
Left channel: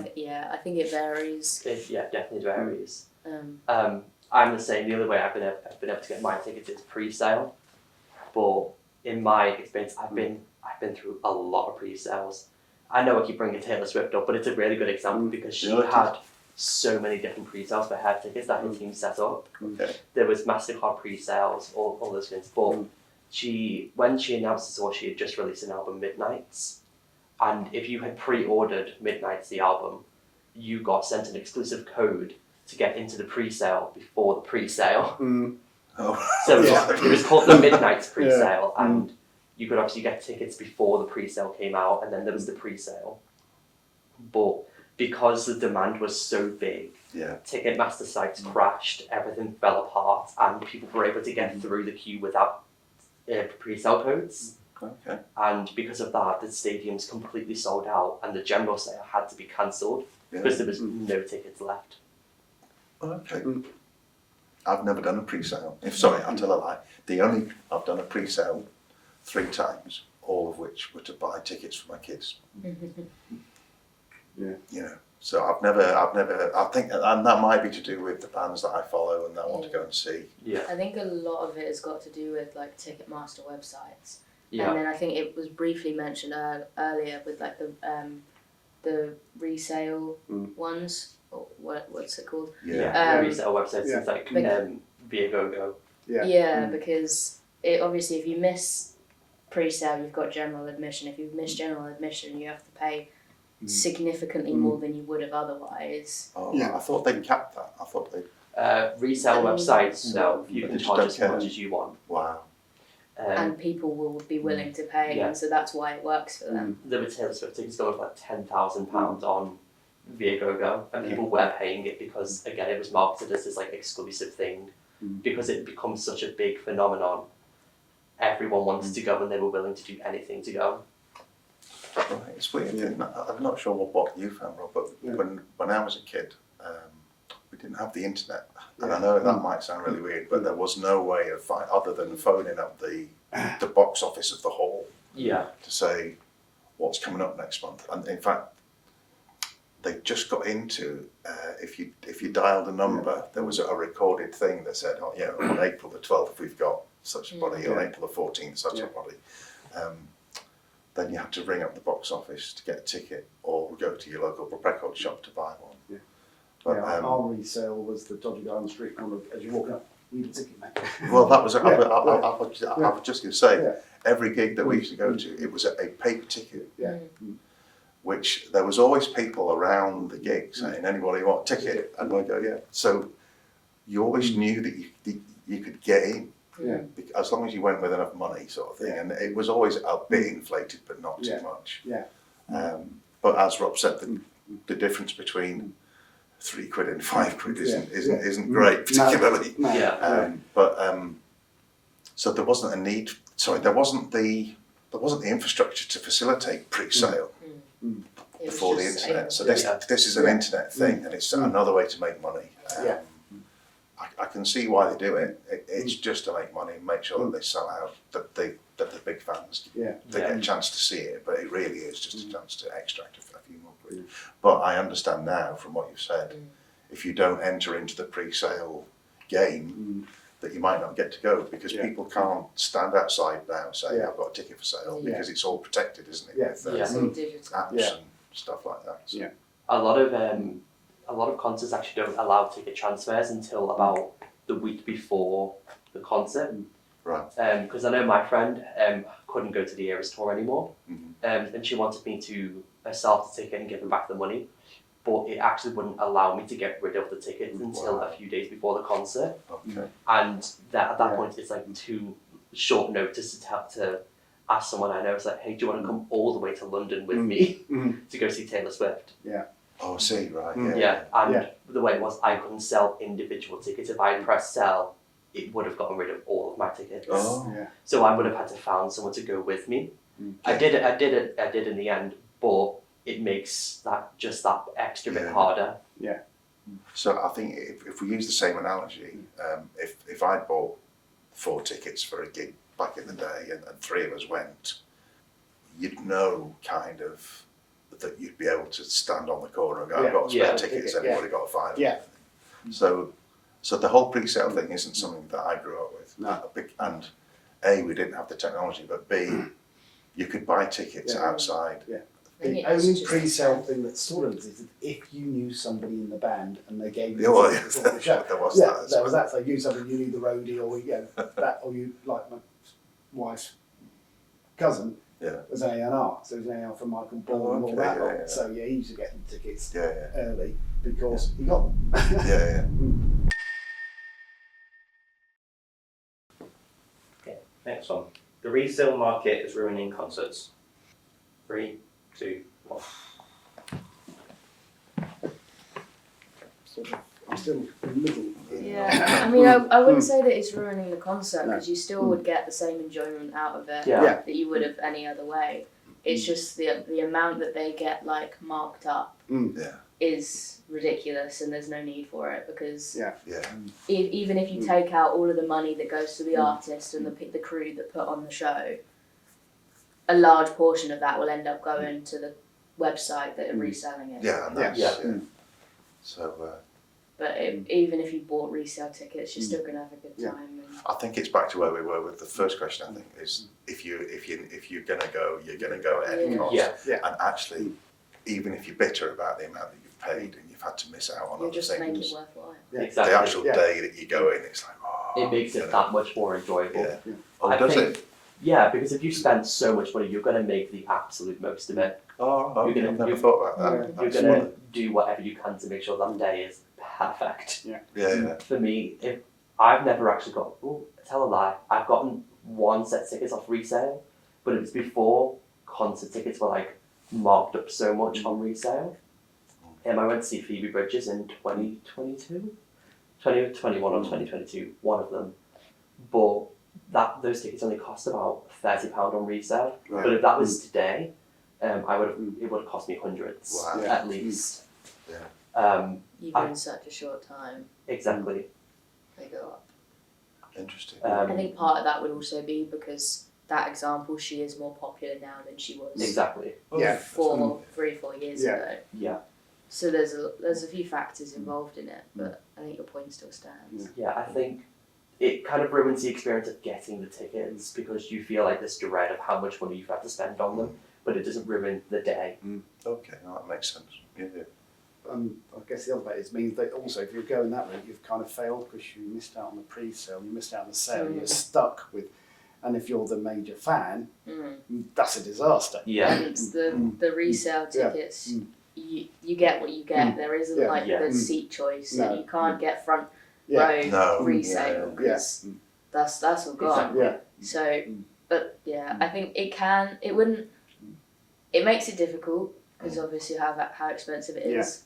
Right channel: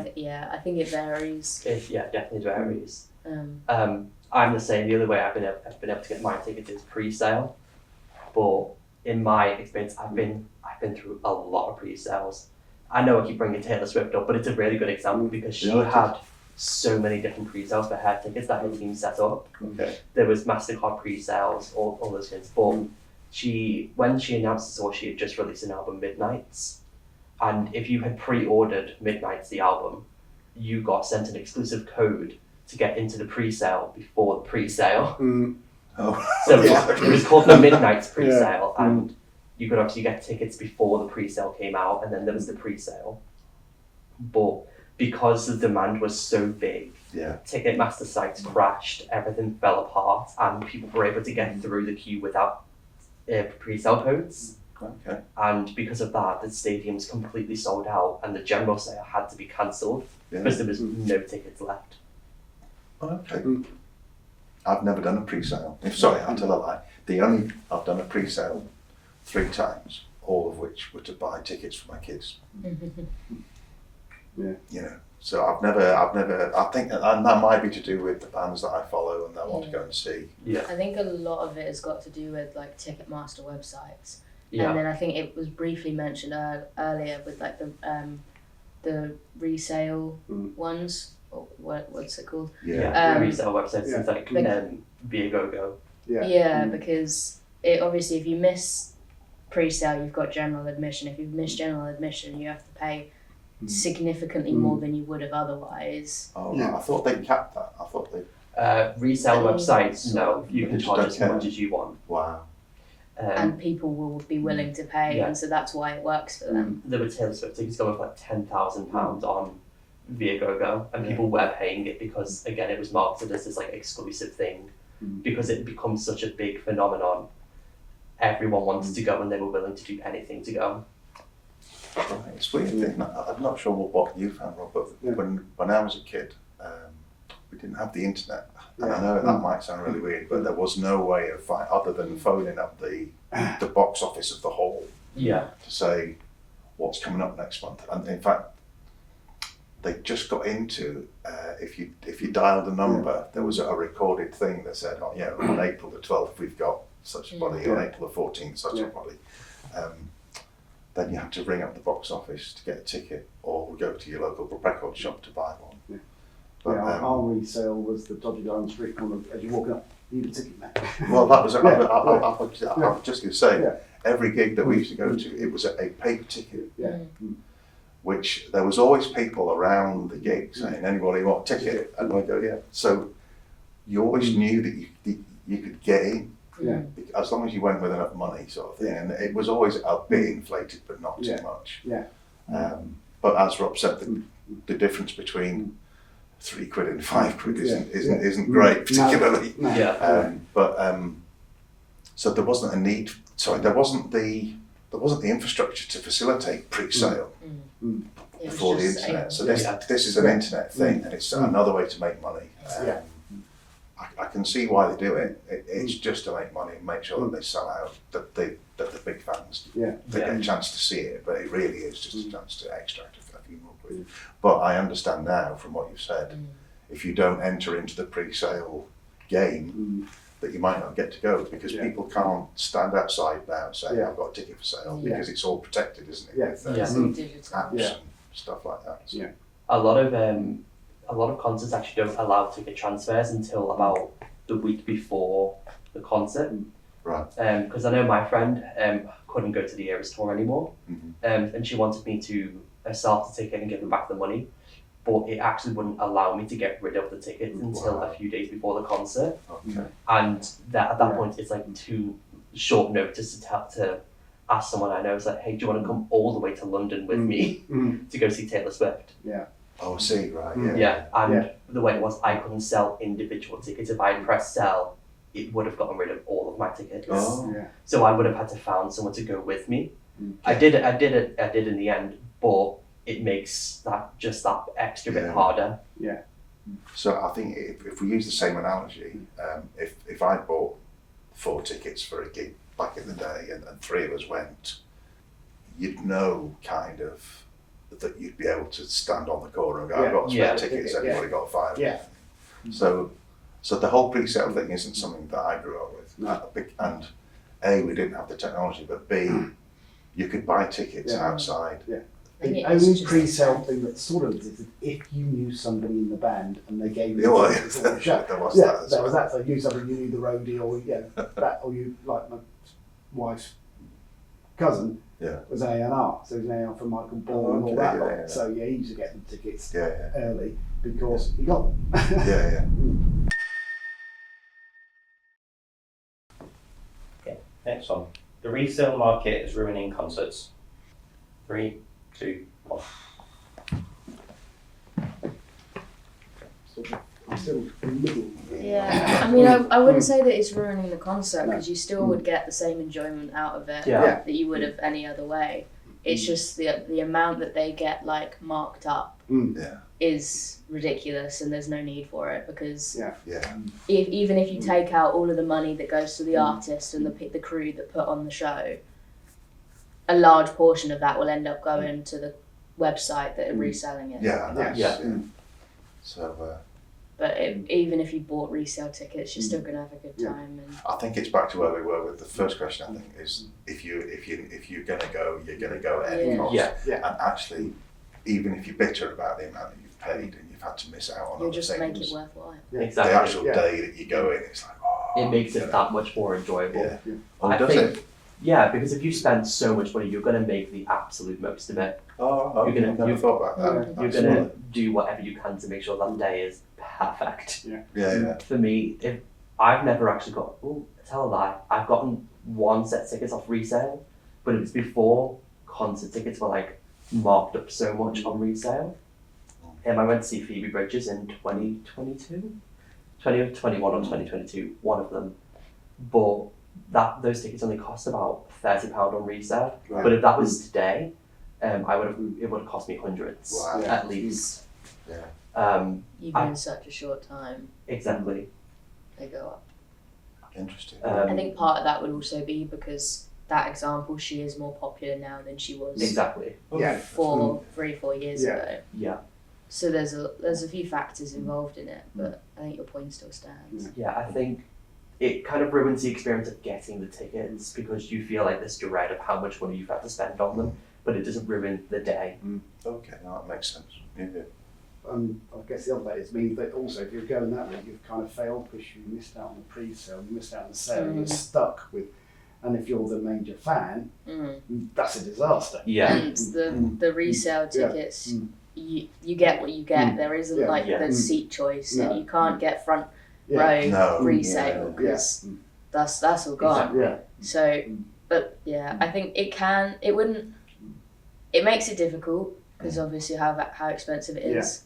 think it varies. It definitely varies. I'm the same. The only way I've been able to get my tickets is pre-sale. But in my experience, I've been through a lot of pre-sales. I know I keep bringing Taylor Swift up, but it's a really good example because she had so many different pre-sales for her tickets that her team set up. There was MasterCard pre-sales, all those things. But when she announced the tour, she had just released an album, Midnights. And if you had pre-ordered Midnights, the album, you got sent an exclusive code to get into the pre-sale before the pre-sale. So it was called the Midnights pre-sale, and you could obviously get tickets before the pre-sale came out, and then there was the pre-sale. But because the demand was so big, Ticketmaster sites crashed, everything fell apart, and people were able to get through the queue without pre-sale codes. And because of that, the stadium's completely sold out, and the general sale had to be cancelled because there was no tickets left. I've never done a pre-sale. I tell a lie. I've done a pre-sale 3 times, all of which were to buy tickets for my kids. You know, so I've never. I think and that might be to do with the bands that I follow and I want to go and see. I think a lot of it has got to do with like Ticketmaster websites. And then I think it was briefly mentioned earlier with like the resale ones. Or what's it called? Resale websites, things like Viagogo. Because it obviously, if you miss pre-sale, you've got general admission. If you've missed general admission, you have to pay significantly more than you would have otherwise. I thought they capped that. I thought they. Resale websites, no, you can charge as much as you want. Wow. and people will be willing to pay, Yeah. and so that's why it works for them. There were Taylor Swift tickets going for like £10,000 on Viagogo, and people were paying it because, again, it was marketed as this like exclusive thing. Because it becomes such a big phenomenon, everyone wanted to go and they were willing to do anything to go. Right, it's weird. I'm not sure what you found, Rob, but when I was a kid, we didn't have the internet. And I know that might sound really weird, but there was no way of other than phoning up the box office of the hall Yeah. to say what's coming up next month. And in fact, they just got into if you dialed a number, there was a recorded thing that said, oh yeah, on April the 12th we've got such a body, on April the 14th such a body. Then you had to ring up the box office to get a ticket, or go to your local record shop to buy one. Yeah. But, Our resale was the dodgy guy on the street corner as you're walking up. You need a ticket, mate. well, that was. I was just going to say, Yeah. every gig that we used to go to, it was a paper ticket. Yeah. Which there was always people around the gig saying, anybody want a ticket? And I go, yeah. So you always knew that you could get in, Yeah. as long as you went with enough money, sort of thing. And it was always a bit inflated, but not too much. Yeah. But as Rob said, the difference between £3 and £5 isn't great, particularly. No. Yeah. So there wasn't a need. Sorry, there wasn't the infrastructure to facilitate pre-sale It was before the just internet. able So to- this is an internet thing, and it's another way to make money. Yeah. I can see why they do it. It's just to make money and make sure that they sell out, that the big fans Yeah. they get a chance to see it. But it really is just a chance to extract a few more quid. But I understand now from what you've said, if you don't enter into the pre-sale game, that you might not get to go, because people can't stand outside now and say, I've got a ticket for sale, because it's all protected, isn't it? Yeah. With, It's all digital. apps and stuff like that. So. Yeah. A lot of concerts actually don't allow ticket transfers until about the week before the concert. Right. Because I know my friend couldn't go to the Eras tour anymore, and she wanted me to sell the ticket and give her back the money, but it actually wouldn't allow me to get rid of the tickets until a few days before the concert. Okay. And at that point, it's like too short notice to ask someone I know, it's like, hey, do you want to come all the way to London with me to go see Taylor Swift? Oh, I see, right, yeah. Yeah, and the way it was, I couldn't sell individual tickets. If I had pressed sell, it would have gotten rid of all of my tickets. Oh. Yeah. So I would have had to find someone to go with me. I did in the end, but it makes that extra bit harder. Yeah. So I think if we use the same analogy, if I bought 4 tickets for a gig back in the day and 3 of us went, you'd know kind of that you'd be able to stand on the corner and go, I've got spare tickets, everybody got 5. Yeah. So the whole pre-sale thing isn't something that I grew up with. No. And A, we didn't have the technology, but B, you could buy tickets outside. Yeah. I think The it is only just- pre-sale thing that sort of existed, if you knew somebody in the band and they gave you Well, tickets for the show. there was Yeah, that as there was well. that. So you knew somebody, you knew the roadie, or that, or you like my wife's cousin was an A&R, so he was an A&R from Michael Ball and all that lot. Yeah. So he used to get the tickets Yeah. early because he got them. Yeah. Next one. The resale market is ruining concerts. 3, 2, 1. I'm still in the middle. Yeah, I mean, I wouldn't say that it's ruining the concert, because you still would get the same enjoyment out of it Yeah. that you would have any other way. It's just the amount that they get like marked up Yeah. is ridiculous, and there's no need for it, because Yeah. even if you take out all of the money that goes to the artist and the crew that put on the show, a large portion of that will end up going to the website that are reselling it. Yeah. So But even if you bought resale tickets, you're still going to have a good time. And I think it's back to where we were with the first question. I think is if you're gonna go, you're gonna go at any cost. Yeah. And actually, even if you're bitter about the amount that you've paid and you've had to miss out on you'll other just make things, it worthwhile. Exactly. the actual day that you go in, it's like, It makes it that much more enjoyable. Yeah. I does think, it? Yeah, because if you spend so much money, you're going to make the absolute most of it. Oh, You're gonna- I've never thought about that. You're going to do whatever you can to make sure that day is perfect. Yeah. For me, if I've never actually got, tell a lie, I've gotten one set of tickets off resale, but it was before concert tickets were like marked up so much on resale. I went to see Phoebe Bridges in 2021 or 2022, one of them. But those tickets only cost about £30 on resale. Right. But if that was today, it would have cost me hundreds Wow. at least. Yeah. Even in such a short time, Exactly. they go up. Interesting. I think part of that would also be because that example, she is more popular now than she was Exactly. Yeah. 3-4 years Yeah. ago. Yeah. So there's a few factors involved in it, but I think your point still stands. Yeah, I think it kind of ruins the experience of getting the tickets because you feel like this dread of how much money you've had to spend on them, but it doesn't ruin the day. Okay, no, that makes sense. Yeah. I guess the other bit is means that also if you're going that route, you've kind of failed because you missed out on the pre-sale, you missed out on the sale, you're stuck with. And if you're the major fan, that's a disaster. Yeah. And the resale tickets, you get what you get. There isn't the seat choice. No. You can't get front Yeah. row No. resale because that's all gone. Yeah. So, but yeah, I think it wouldn't. It makes it difficult because obviously how expensive it is.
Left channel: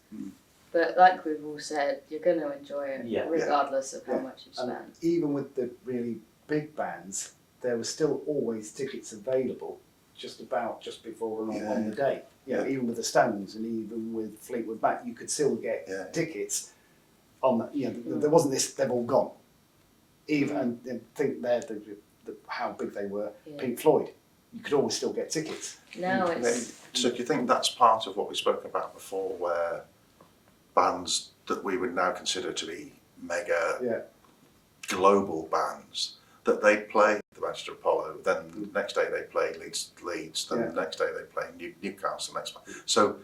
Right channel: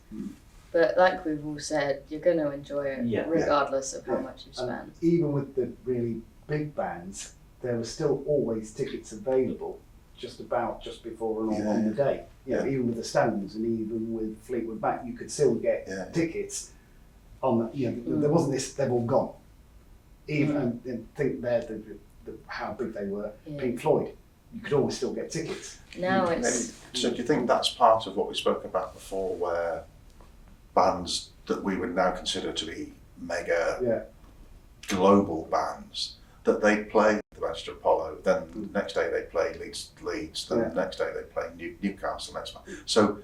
But like we've all said, you're going to enjoy it regardless of how much you spend. And even with the really big bands, there were still always tickets available just before and on the day. You know, even with the Stones and even with Fleetwood Mac, you could still get tickets on the, there wasn't this, they've all gone. Even, and think they're how big they were, Pink Floyd, you could always still get tickets. Now it's... So do you think that's part of what we spoke about before, where bands that we would now consider to be mega global bands, that they play the Manchester Apollo, then the next day they play Leeds, then the next day they play Newcastle, next month. So,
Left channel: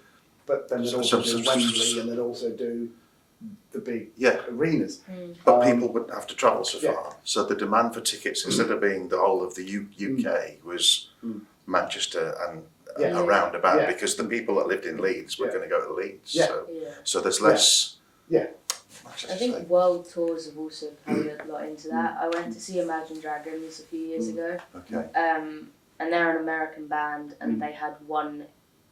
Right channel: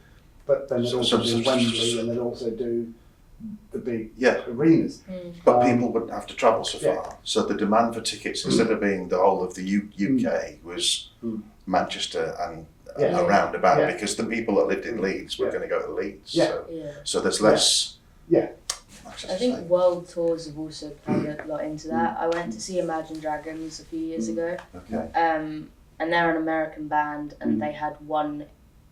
but then they'd also do Wembley and they'd also do the big arenas. But people wouldn't have to travel so far. So the demand for tickets, instead of being the whole of the UK, was Manchester and around about, because the people that lived in Leeds were going to go to Leeds. So there's less. I think world tours have also played a lot into that. I went to see Imagine Dragons a few years ago. Okay. And they're an American band, and they had one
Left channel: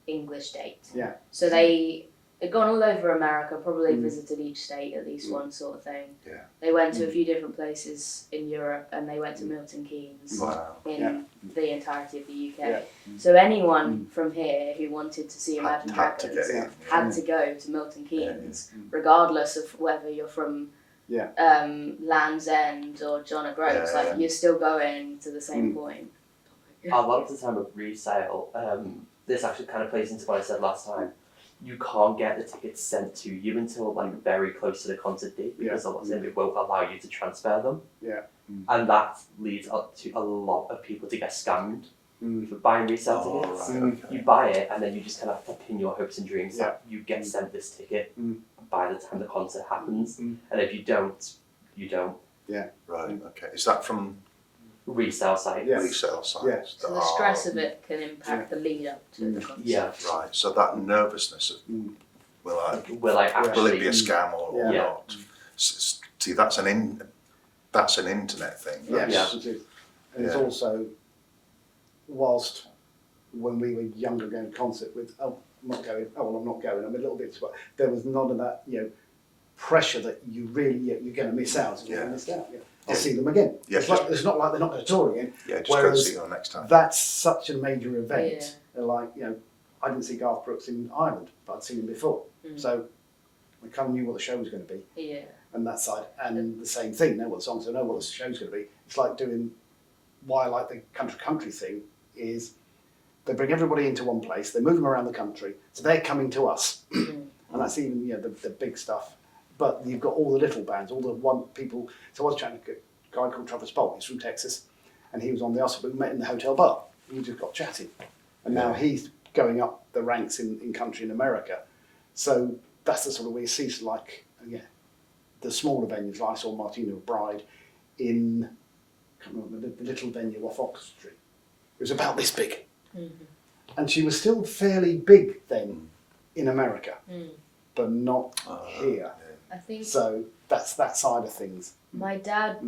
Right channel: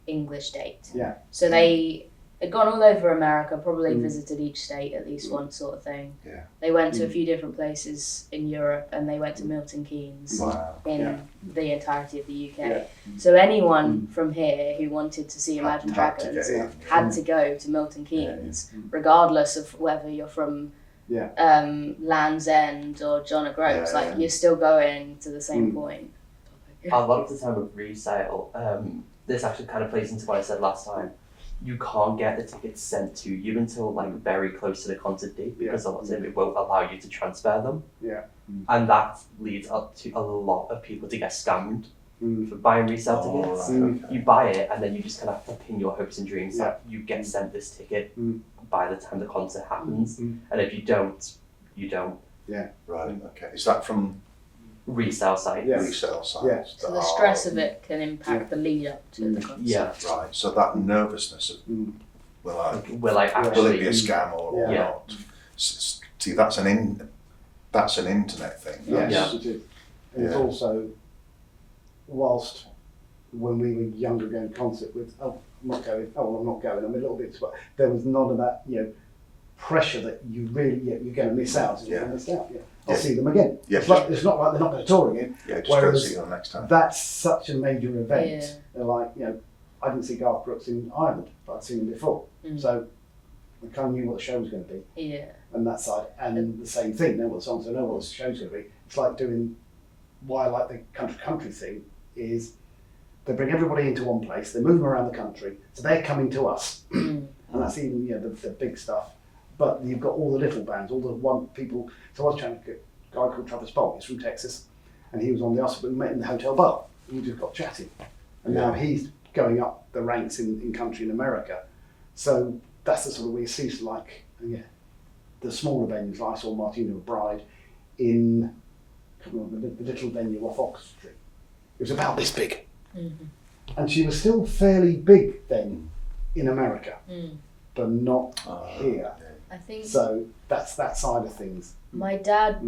English date. Yeah. So they had gone all over America, probably visited each state at least once, sort of thing. Yeah. They went to a few different places in Europe, and they went to Milton Keynes in the entirety of the UK. Yeah. So anyone from here who wanted to see Imagine Dragons had to go to Milton Keynes, regardless of whether you're from Land's End or John O'Groats. You're still going to the same point. A lot of the time with resale, this actually kind of plays into what I said last time. You can't get the tickets sent to you until like very close to the concert date because a lot of them it won't allow you to transfer them. Yeah. And that leads up to a lot of people to get scammed for buying resale tickets. You buy it and then you just kind of have to pin your hopes and dreams that you get sent this ticket by the time the concert happens. And if you don't, you don't. Yeah. Right, okay. Is that from resale sites? resale sites? Yeah. So the stress of it can impact the lead up to the concert. Yeah. Right, so that nervousness of, will Actually, it be a scam or not? See, that's an internet thing. Yes, it is. And it's also, whilst when we were younger going to concert with, I'm not going, I'm a little bit, there was none of that, pressure that you really, you're going to miss out. And you're missed out. I'll see them again. It's not like they're not going to tour again. Just go see them next time. That's such a major event. They're like, I didn't see Garth Brooks in Ireland, but I'd seen him before. So I kind of knew what the show was going to be. Yeah. And that side, and the same thing, know what the songs, I know what the show's going to be. It's like doing, why I like the country thing is they bring everybody into one place, they move them around the country, so they're coming to us. And that's even, the big stuff. But you've got all the little bands, all the one people. So I was trying to get a guy called Travis Bolt, he's from Texas, and he was on the us, we met in the hotel bar, and we just got chatting. And now he's going up the ranks in country in America. So that's the sort of way you see, the smaller venues, like I saw Martina McBride in, I can't remember, the little venue off Oxford Street. It was about this big. And she was still fairly big then in America, but not here. I think so. That's that side of things. My dad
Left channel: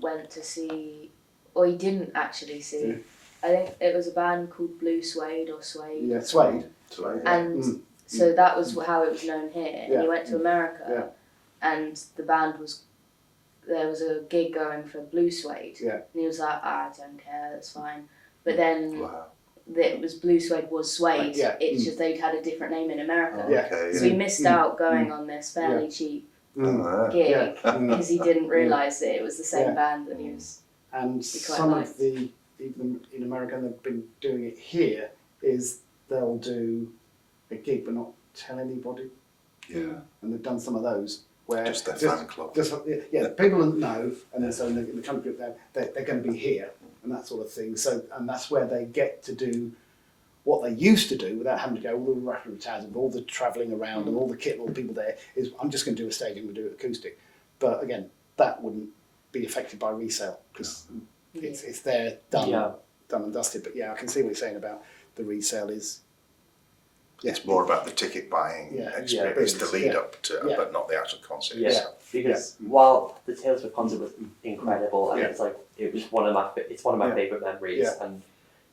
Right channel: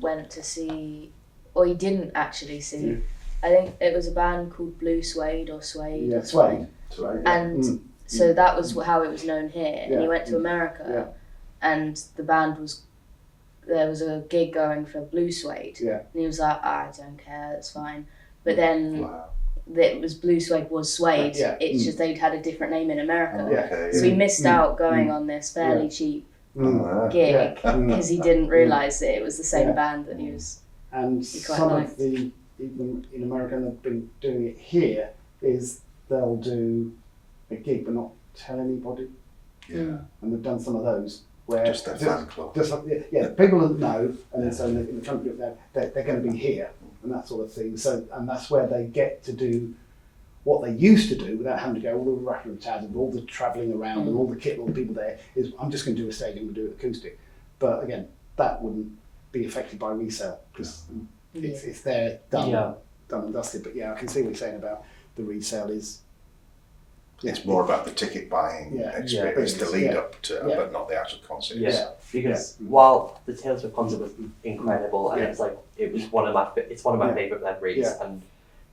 went to see or he didn't actually see. Yeah. I think it was a band called Blue Suede or Suede. Yeah, Suede. And so that was how it was known here. And he went to America, and the band there was a gig going for Blue Suede, and he was like, I don't care, that's fine. But then it was Blue Suede was Suede. It's just they'd had a different name in America. So he missed out going on this fairly cheap gig because he didn't realise that it was the same band that he was. And some of the people in America, and they've been doing it here, is they'll do a gig but not tell anybody. Yeah. And they've done some of those where Just their fan club. People don't know, and then so in the country they're going to be here and that sort of thing. So and that's where they get to do what they used to do without having to go all the rattling and tattling, all the travelling around and all the kit and all the people there. Is I'm just going to do a stage and we'll do it acoustic. But again, that wouldn't be affected by resale because it's there done and dusted. But I can see what you're saying about the resale is. It's more about the ticket buying experience, the lead up to, but not the actual concert itself. Because while the Taylor Swift concert was incredible, and it was one of my favourite memories, and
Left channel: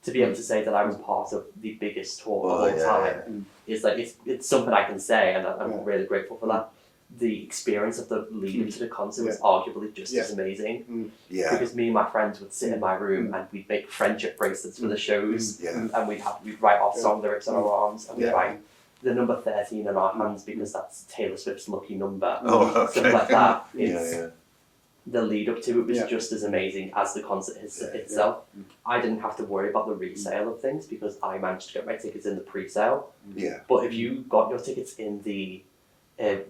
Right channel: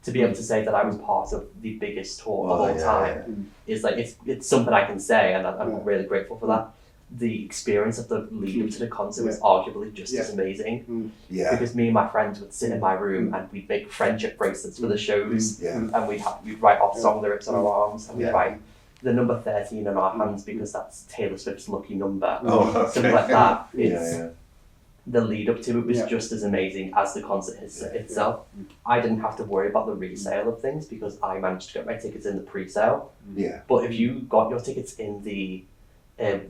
to be able to say that I was part of the biggest tour of all time is like it's something I can say, and I'm really grateful for that. The experience of the lead up to the concert was arguably just as amazing. Because me and my friends would sit in my room and we'd make friendship bracelets for the shows, and we'd write our song lyrics on our arms, and we'd write the number 13 on our hands because that's Taylor Swift's lucky number. Something like that. The lead up to it was just as amazing as the concert itself. I didn't have to worry about the resale of things because I managed to get my tickets in the pre-sale. But if you got your tickets in the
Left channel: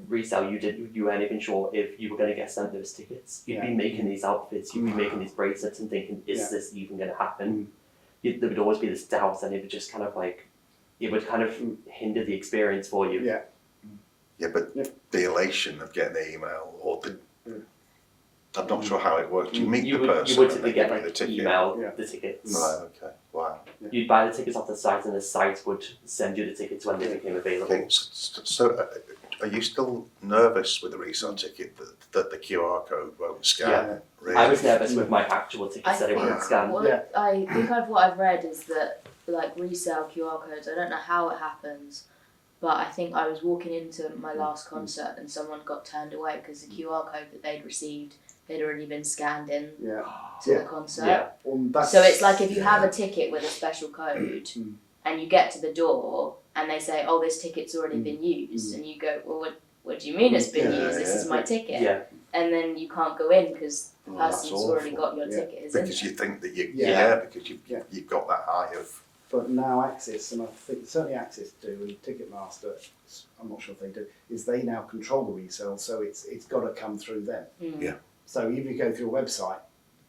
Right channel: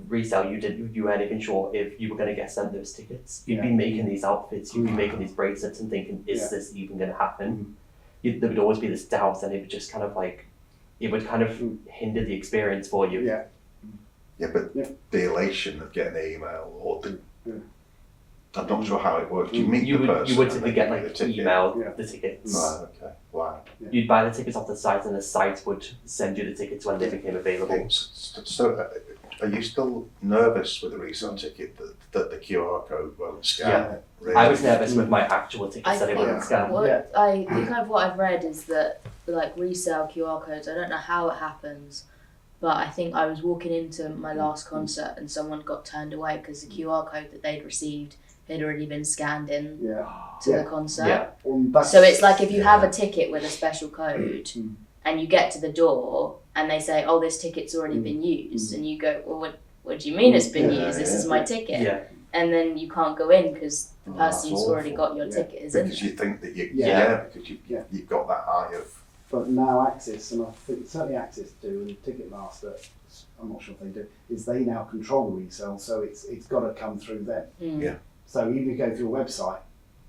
resale, you weren't even sure if you were going to get sent those tickets. You'd be making these outfits, you'd be making these bracelets and thinking, is this even going to happen? There would always be this doubt, and it would just kind of hinder the experience for you. But the elation of getting the email or the I'm not sure how it worked. You meet the person. You would typically get emailed the tickets. Right, okay. Wow. You'd buy the tickets off the site, and the site would send you the tickets when they became available. So are you still nervous with a resale ticket that the QR code won't scan? Yeah. Really? I was nervous with my actual tickets that it wouldn't scan. What I've read is that like resale QR codes, I don't know how it happens, but I think I was walking into my last concert and someone got turned away because the QR code that they'd received had already been scanned in to the concert. So it's like if you have a ticket with a special code and you get to the door and they say, oh, this ticket's already been used, and you go, well, what do you mean it's been used? This is my ticket. And then you can't go in because the person's already got your ticket. Because you think that because you've got that eye of. But now Access, and I think certainly Access do, and Ticketmaster, I'm not sure if they do, is they now control the resale, so it's got to come through them. So even if you go through a website,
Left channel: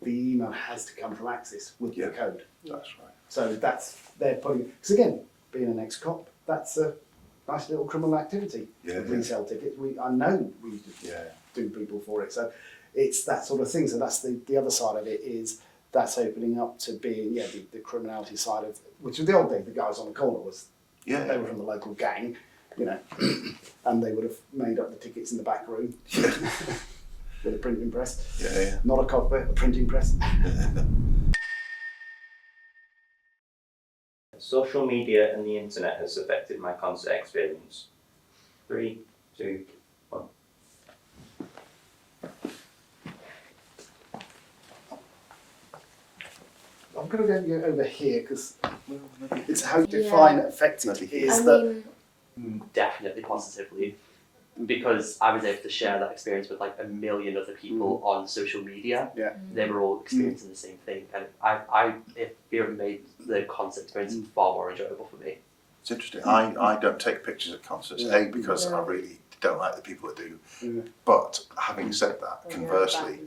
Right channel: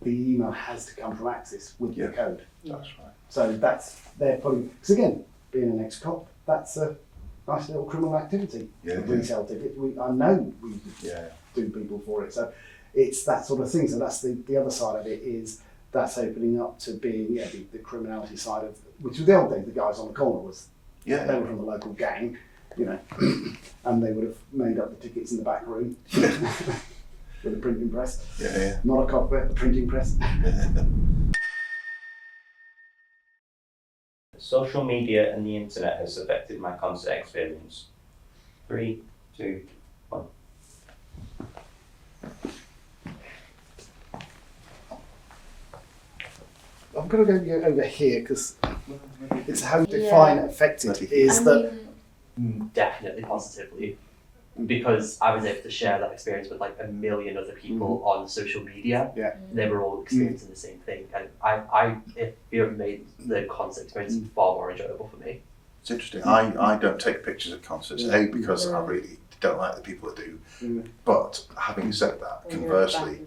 the email has to come from Access with the code. That's right. So they're putting, because again, being an ex-cop, that's a nice little criminal activity. Resale tickets, I know we do people for it. So it's that sort of thing. So that's the other side of it is that's opening up to being the criminality side of, which was the old days, the guys on the corner they were from the local gang, and they would have made up the tickets in the back room with a printing press. Not a cockpit, a printing press. Social media and the internet has affected my concert experience. 3, 2, 1. I'm going to go over here because it's how you define affected Definitely positively, because I was able to share that experience with like a million other people on social media. They were all experiencing the same thing, and I feel it made the concert experience far more enjoyable for me. It's interesting. I don't take pictures at concerts, because I really don't like the people that do. But having said that, conversely,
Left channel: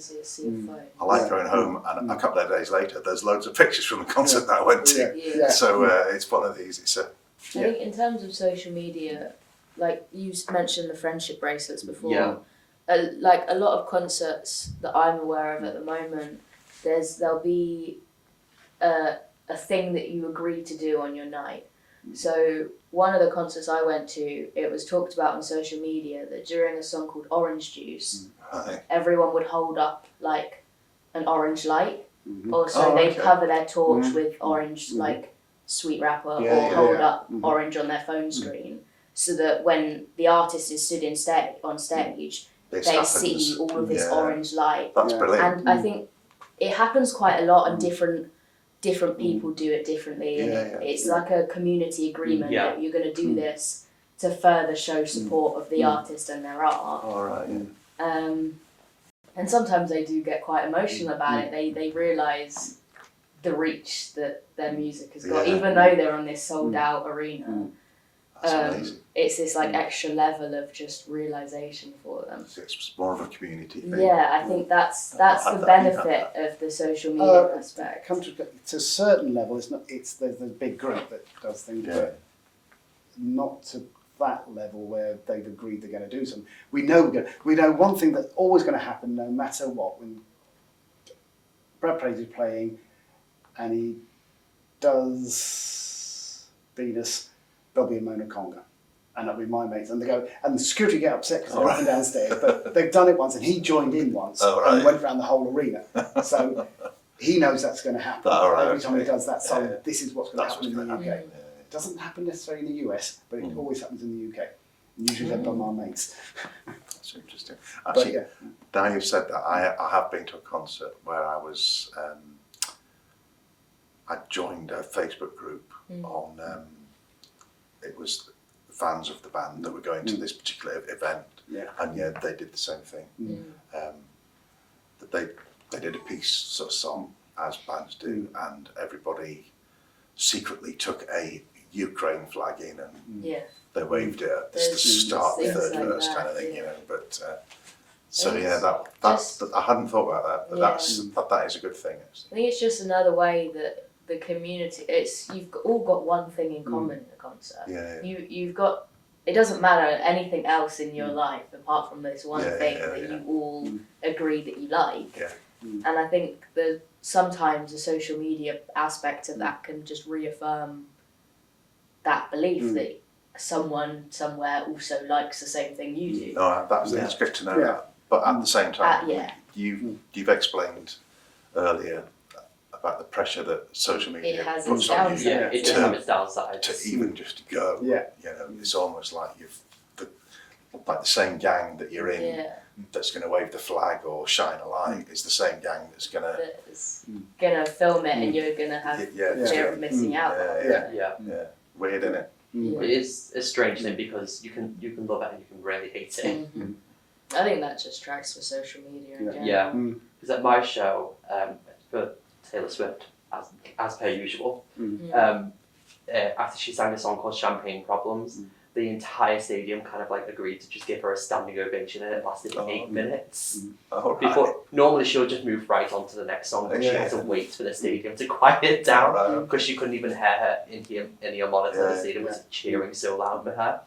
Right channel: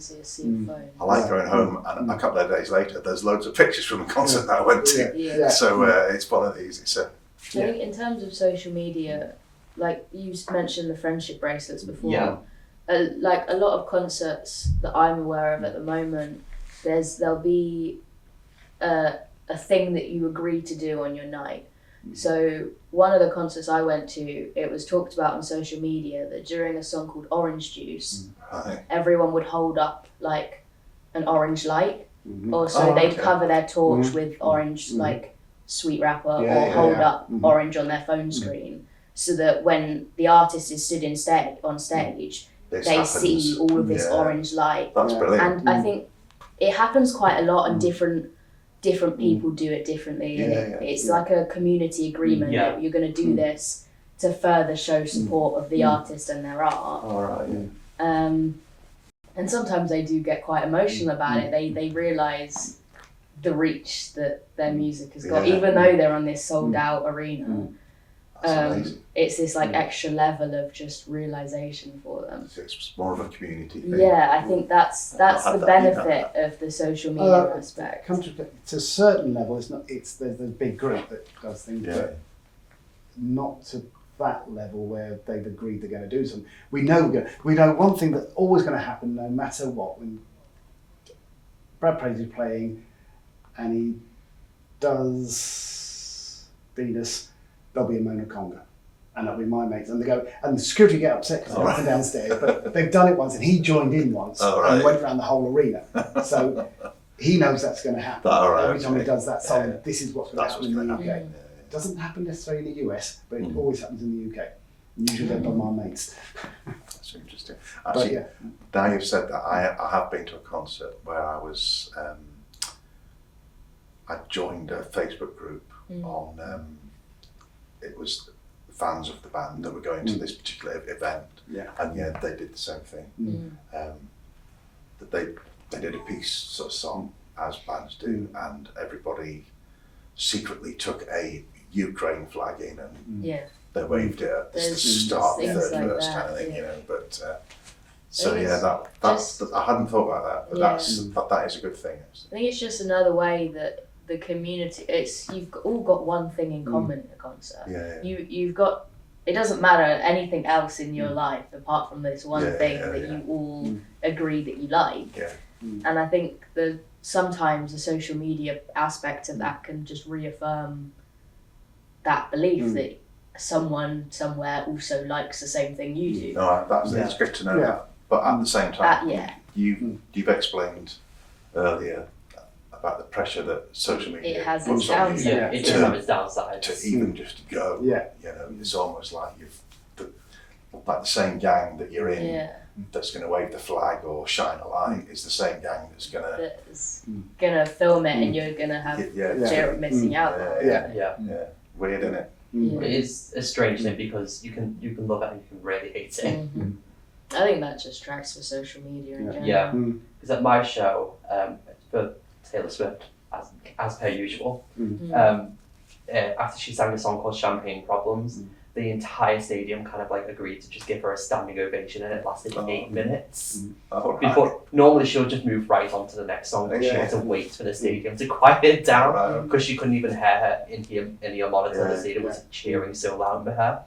I like going home and a couple of days later, there's loads of pictures from the concert that I went to. So it's one of these. I think in terms of social media, like you mentioned the friendship bracelets before. Like a lot of concerts that I'm aware of at the moment, there'll be a thing that you agree to do on your night. So one of the concerts I went to, it was talked about on social media that during a song called Orange Juice, everyone would hold up like an orange light or so Oh, they'd okay. cover their torch with orange, like sweet wrapper, Yeah, or yeah, hold yeah. up orange on their phone screen, so that when the artist is stood on stage, This they happens. see all of this Yeah. orange light. That's Yeah. brilliant. And I think it happens quite a lot, and different people do it differently, and it's like a community agreement Yeah. that you're going to do this to further show support of the artist and their art. All right. And sometimes they do get quite emotional about it. They realise the reach that their music has got, Yeah. even though they're on this sold out arena. That's amazing. It's this like extra level of just realisation for them. It's more of a community thing. Yeah, I think that's the I've benefit of the social media aspect. Come to a certain level, there's a big group that does things, Yeah. but not to that level where they've agreed they're going to do something. We know one thing that's always going to happen, no matter what. When Brad Praise is playing, and he does Venus, there'll be a Mona Conga. And that'll be my mates. And they go, and the security get upset because they're up and downstairs. But they've done it once, and he joined in once and went around the whole arena. So he knows that's going to happen. Every time he does that song, this is what's going to happen in the UK. It doesn't happen necessarily in the US, but it always happens in the UK. Usually done by my mates. That's interesting. Actually, But now you've said that, I have been to a concert where I was, I joined a Facebook group on, it was fans of the band that were going to this particular event, and they did the same thing. That they did a peace sort of song, as bands do, and everybody secretly took a Ukraine flag in and they waved it at the start of the third like verse that, kind of thing, yeah. you know. But I think that's I hadn't thought about that, but that is a good thing. I think it's just another way that the community, you've all got one thing in common in a concert. You've got, it doesn't matter anything else in your life apart from this one thing that you all agree that you like. And I think that sometimes the social media aspect of that can just reaffirm that belief that someone somewhere also likes the same thing you do. No, that's good to know that. But at the same time, you've explained earlier about the pressure that social media It has puts its on you downsides. Yeah, it does have its downsides. to even just go. Yeah. You know, it's almost like like the same gang that you're in that's going to wave the flag or shine a light is the same gang that's going to gonna film it, and you're gonna have fear of missing out. Weird, isn't it? It is a strange thing because you can love it and you can really hate it. I think that just tracks for social media in general. Yeah, because at my show for Taylor Swift, as per usual, after she sang a song called Champagne Problems, the entire stadium kind of like agreed to just give her a standing ovation, and it lasted 8 minutes. Before normally she'll just move right on to the next song, but she had to wait for the stadium to quiet down because she couldn't even hear her in the monitor. The stadium was cheering so loud for her.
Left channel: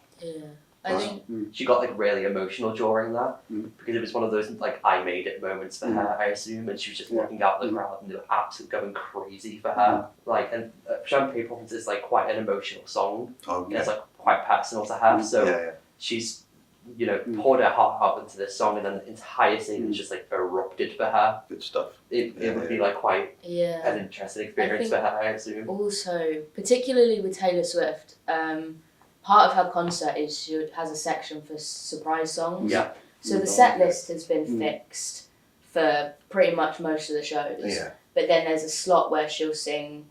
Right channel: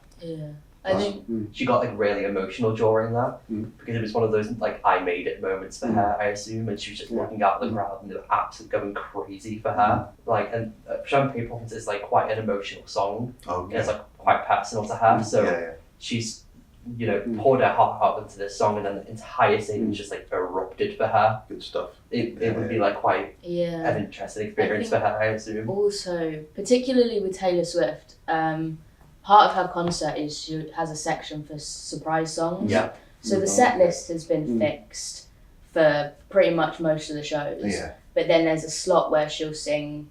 I think she got like really emotional during that because it was one of those like I made it moments for her, I assume, and she was just looking out the crowd and they were absolutely going crazy for her. Like, and Champagne Problems is like quite an emotional song. It's like quite personal to her, so she's poured her heart out into this song, and then the entire stadium just like erupted for her. Good stuff. It would be like quite an interesting experience for her, I assume. Also, particularly with Taylor Swift, part of her concert is she has a section for surprise songs. So the set list has been fixed for pretty much most of the shows. But then there's a slot where she'll sing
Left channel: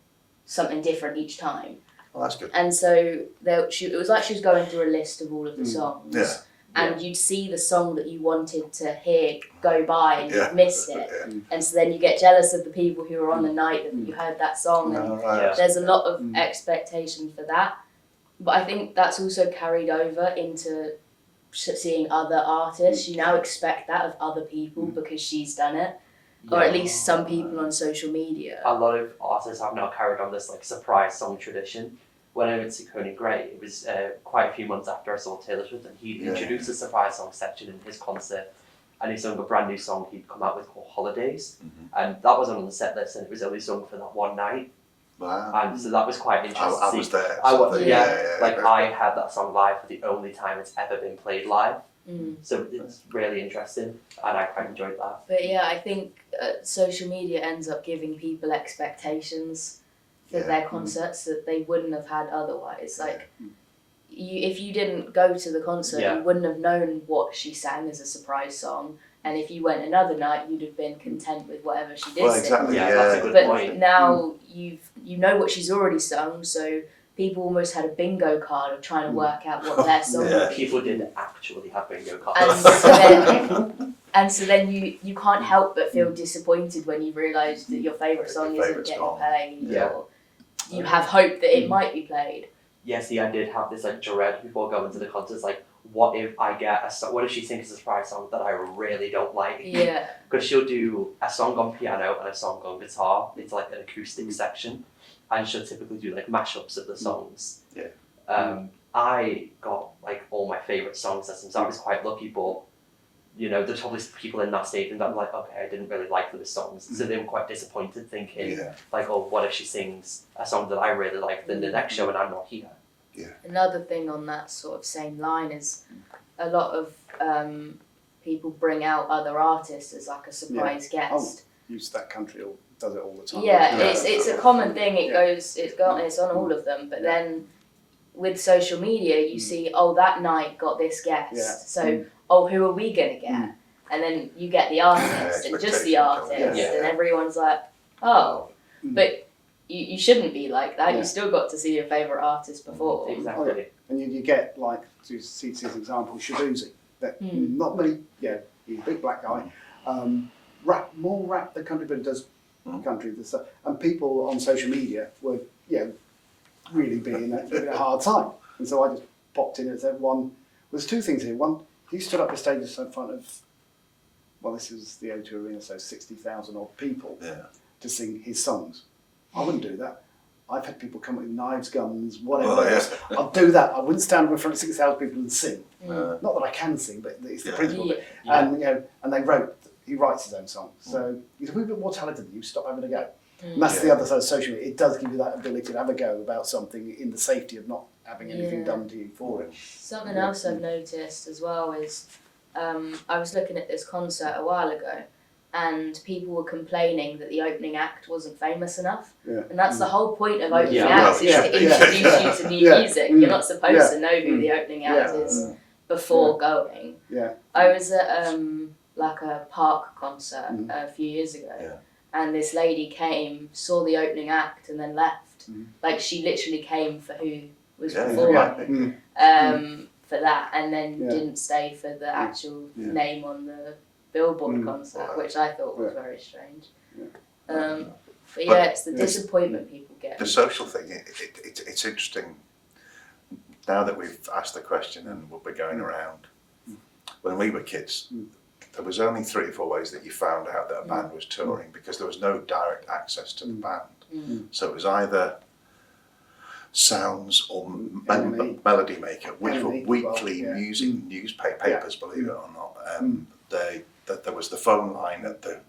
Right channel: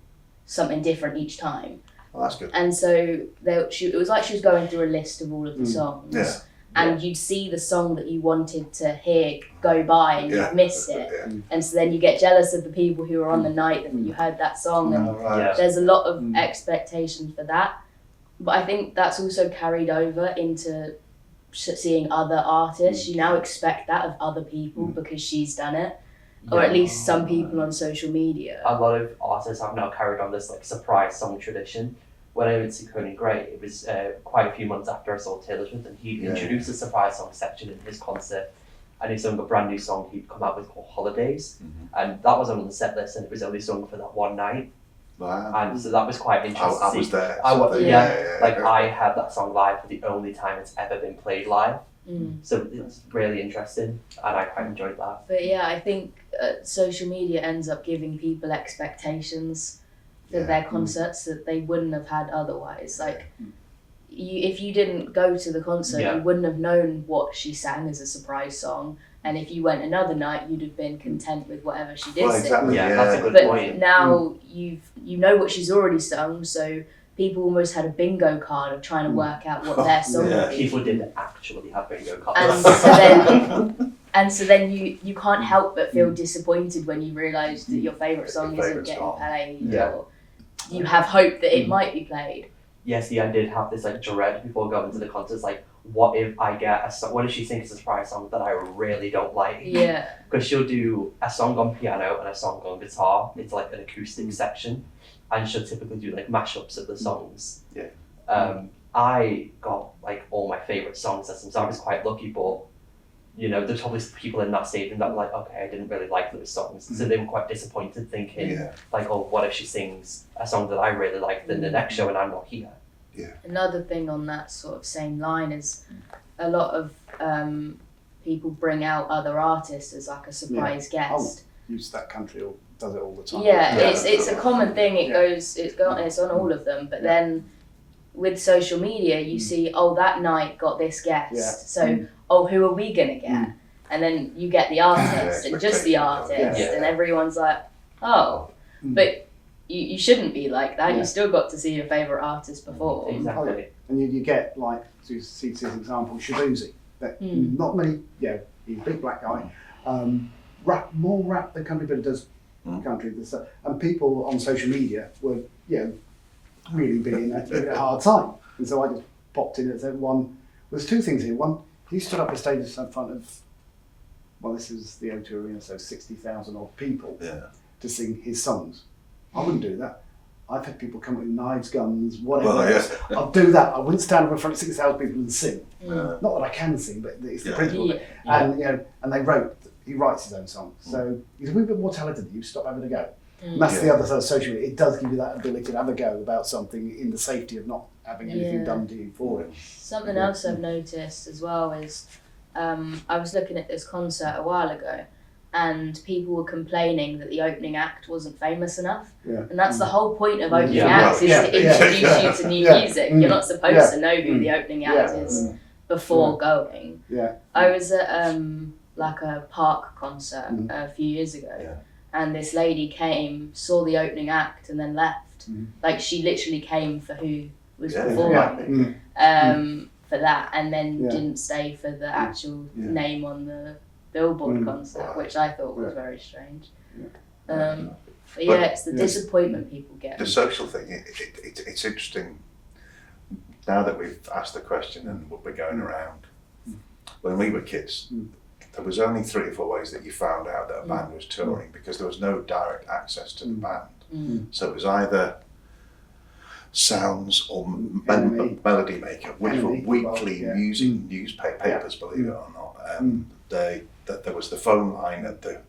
something different each time. Oh, that's good. And so it was like she was going through a list of all of the songs. And you'd see the song that you wanted to hear go by and you'd miss it. And so then you get jealous of the people who were on the night that you heard that song. And there's a lot of expectation for that. But I think that's also carried over into seeing other artists. You now expect that of other people because she's done it. Or at least some people on social media. A lot of artists have now carried on this like surprise song tradition. When I went to Conan Gray, it was quite a few months after I saw Taylor Swift, and he introduced a surprise song section in his concert, and he sung a brand new song he'd come out with called Holidays, and that was on the set list, and it was only sung for that one night. Wow. And so that was quite interesting. I was there. I had that song live for the only time it's ever been played live. So it's really interesting, and I quite enjoyed that. But yeah, I think social media ends up giving people expectations for their concerts that they wouldn't have had otherwise. Like, if you didn't go to the concert, you wouldn't have known what she sang as a surprise song. And if you went another night, you'd have been content with whatever she did sing. Exactly, That's a good But point. now you know what she's already sung, so people almost had a bingo card of trying to work out what their song would be. People did actually have bingo And cards. so then you can't help but feel disappointed when you realise that your favourite song Your isn't favourite's getting gone. played, Yeah. or you have hope that it might be played. Yeah, see, I did have this like dread before going to the concerts. Like, what if I get a song? What if she sings a surprise song that I really don't like? Yeah. Because she'll do a song on piano and a song on guitar. It's like an acoustic section, and she'll typically do like mashups of the songs. Yeah. I got like all my favorite songs listened, so I was quite lucky. But you know, there's probably people in that stadium that were like, okay, I didn't really like those songs, so they were quite disappointed, thinking like, oh, what if she sings a song that I really liked in the next show and I'm not here? Another thing on that sort of same line is a lot of people bring out other artists as like a surprise guest. Use That Country does it all the time. It's a common thing. It's on all of them. But then with social media, you see, that night got this guest. So, who are we gonna get? And then you get the artist and just the artist, and everyone's like, but. You shouldn't be like that. You still got to see your favourite artist perform. Exactly. And you get, like, to see this example, Shabuzi. Not many, he's a big black guy. More rap than country, but it does country. And people on social media were, really being a hard time. And so I just popped in and said, there's two things here. One, he stood up on stage in front of, this is the O2 Arena, so 60,000 odd people to sing his songs. I wouldn't do that. I've had people come with knives, guns, whatever. I'd do that. I wouldn't stand in front of 6,000 people and sing. Not that I can sing, but it's the principle. And and he writes his own songs. So he's a wee bit more talented than you. Stop having a go. And that's the other side of social media. It does give you that ability to have a go about something in the safety of not having anything done to you for it. Something else I've noticed as well is I was looking at this concert a while ago, and people were complaining that the opening act wasn't famous enough. And that's the whole point of opening acts, is to introduce you to new music. You're not supposed to know who the opening act is before going. I was at like a park concert a few years ago, and this lady came, saw the opening act, and then left. Like, she literally came for who was performing for that, and then didn't stay for the actual name on the Billboard concert, which I thought was very strange. But it's the disappointment people get. The social thing, it's interesting. Now that we've asked the question and we're going around, when we were kids, there was only 3 or 4 ways that you found out that a band was touring, because there was no direct access to the band. So it was either Sounds or Melody Maker, which were weekly music newspapers, believe it or not. There was the phone line at the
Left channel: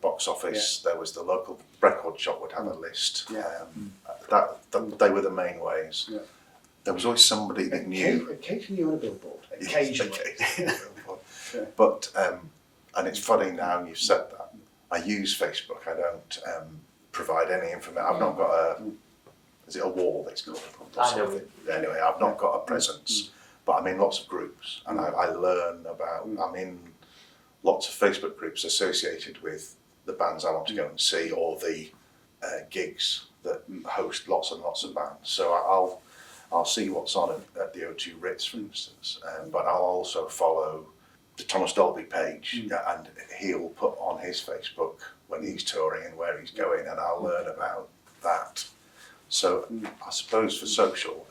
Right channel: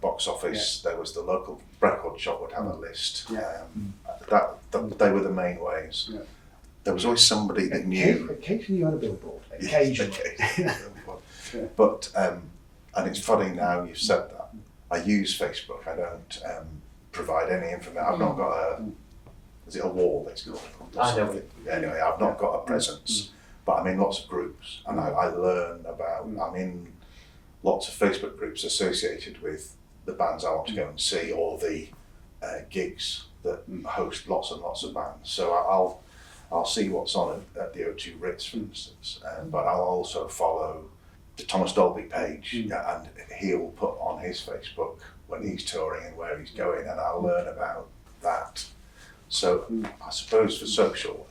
box office. There was the local record shop would have a list. They were the main ways. There was always somebody that knew. Occasionally on a billboard. Occasionally. But and it's funny now you've said that. I use Facebook. I don't provide any information. I've not got is it a wall that's called? I know. Anyway, I've not got a presence, but I'm in lots of groups, and I learn about. I'm in lots of Facebook groups associated with the bands I want to go and see, or the gigs that host lots and lots of bands. So I'll see what's on at the O2 Ritz, for instance, but I'll also follow the Thomas Dolby page, and he'll put on his Facebook when he's touring and where he's going, and I'll learn about that. So I suppose for social,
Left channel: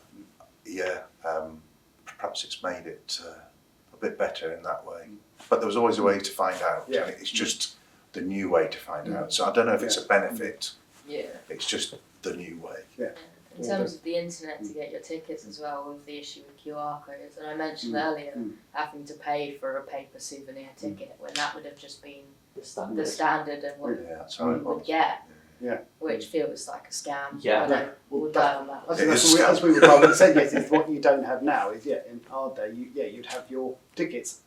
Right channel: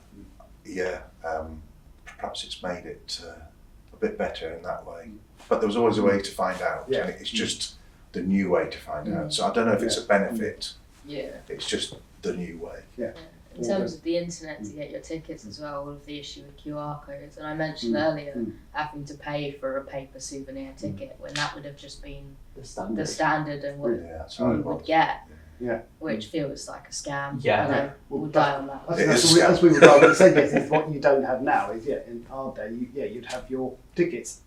perhaps it's made it a bit better in that way. But there was always a way to find out, and it's just the new way to find out. So I don't know if it's a benefit. It's just the new way. In terms of the internet to get your tickets as well, with the issue with QR codes, and I mentioned earlier having to pay for a paper souvenir ticket when that would have just been the standard and what you would get. Which feels like a scam. I know, we'll die on that. As we were saying, is what you don't have now is in our day, you'd have your tickets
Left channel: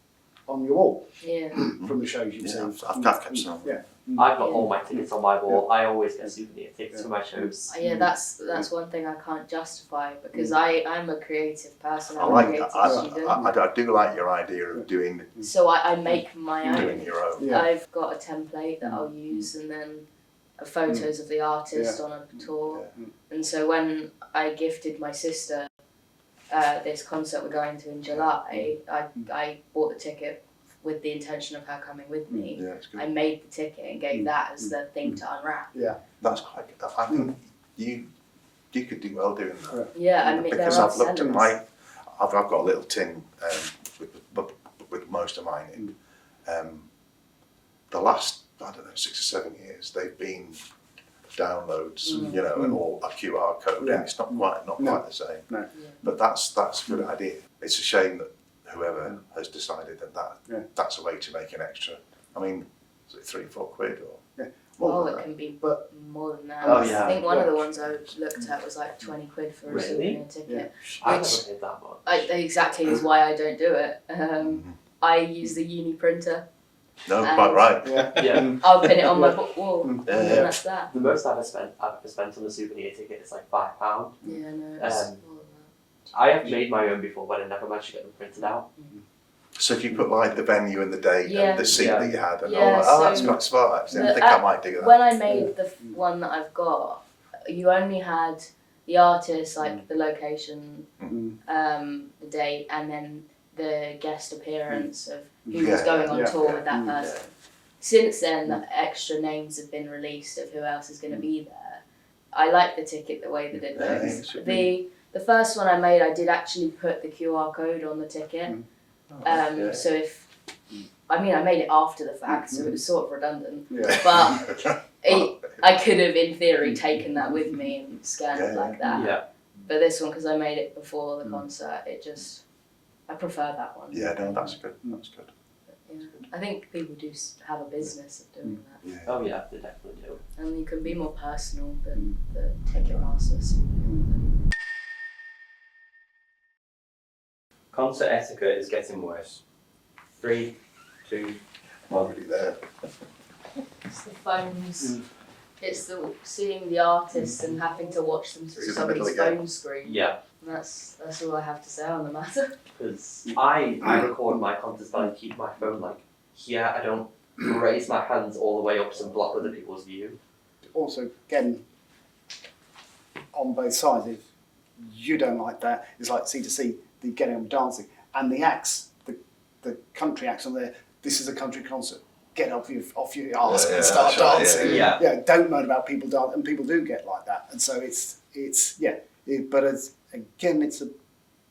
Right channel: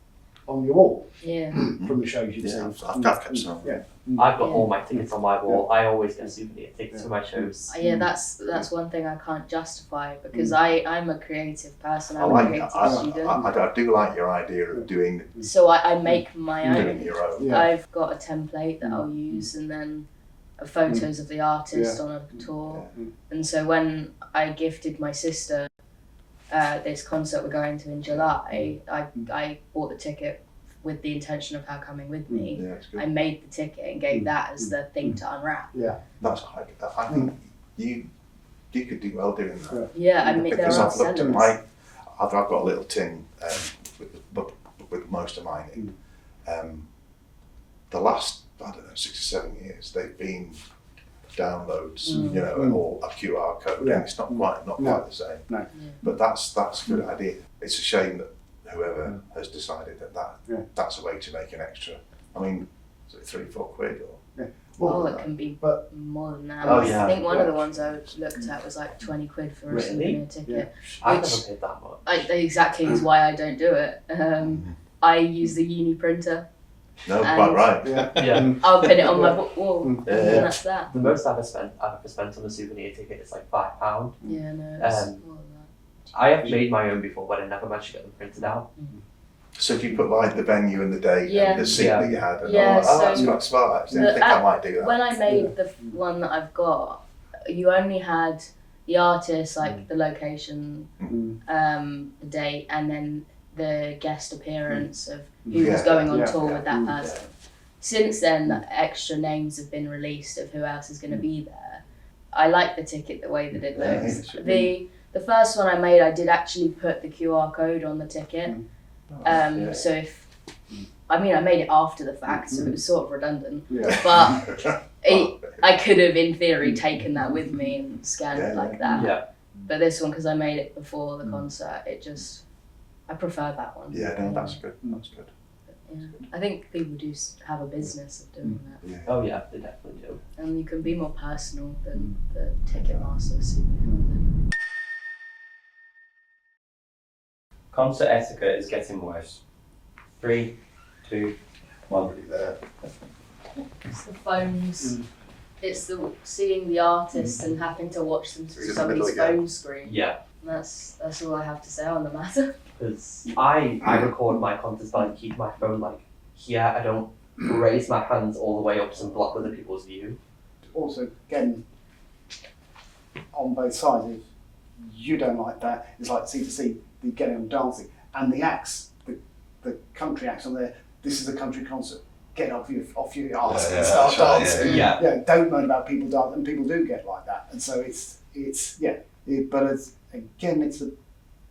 on your wall Yeah. from the shows you've Yeah, seen. I've kept some. Yeah. I've got Yeah. all my tickets on my wall. I always get souvenir tickets for my shows. Yeah, that's one thing I can't justify because I'm a creative person. I'm a I creative student. I do like your idea of doing So I make my doing own. your own. Yeah. I've got a template that I'll use and then photos of the artist on a tour. And so when I gifted my sister this concert we're going to in July, I bought the ticket with the intention of her coming with me. Yeah, it's good. I made the ticket and gave that as the thing to unwrap. That's quite good. I think you could do well doing that. Yeah, I mean, there Because are I've looked at sellers. I've got a little tin with most of mine in. The last, I don't know, 6 or 7 years, they've been downloads, you know, or a QR code. Yeah. And it's not quite the same. No. Yeah. But that's a good idea. It's a shame that whoever has decided that that's a way to make an extra. I mean, is it 3 or 4 quid or? Well, it can be but- more than that. Oh, yeah. I think one of the ones I looked at was like 20 quid for a Really? souvenir ticket. I Which- never paid that much. Exactly is why I don't do it. I use the uni printer. No, And- quite right. Yeah. Yeah. I'll pin it on my wall, and Yeah. then that's that. The most I've ever spent on a souvenir ticket is like £5. Yeah, no, it's Um, more than that. I have made my own before, but I never managed to get them printed out. So if you put like the venue and the date Yeah. and the seat Yeah. that you had and Yeah, all that, that's so quite smart actually. I the- think I might do that. When I made the one that I've got, you only had the artist, like the location, the date, and then the guest appearance of who was Yeah. going on Yeah. tour with that person. Since then, the extra names have been released of who else is going to be there. I like the ticket the way that it Yeah, looks. it should The first one I made, I did actually put the QR code on the ticket. Yeah. So if I made it after the fact, so it was sort of redundant. Yeah. But I could have, in theory, taken that with me and scanned it like that. Yeah. But this one, because I made it before the concert, I prefer that one. Yeah, no, that's good. That's good. Yeah. I think people do have a business of doing that, Yeah. Oh yeah, they definitely do. and you can be more personal than the Ticketmaster souvenir. Concert etiquette is getting worse. 3, 2, 1. Already there. It's the phones. It's the seeing the artist and having to watch them It's through in the middle somebody's again. phone screen. Yeah, That's all I have to say on the matter. because I record my concerts, but I keep my phone like here. I don't raise my hands all the way up to block other people's view. Also, again, on both sides, if you don't like that, it's like C2C, the getting on dancing. And the acts, the country acts on there, this is a country concert, get off your arse Yeah, and start that's right, dancing. Yeah. Don't moan about people dance, and people do get like that. And so but it's a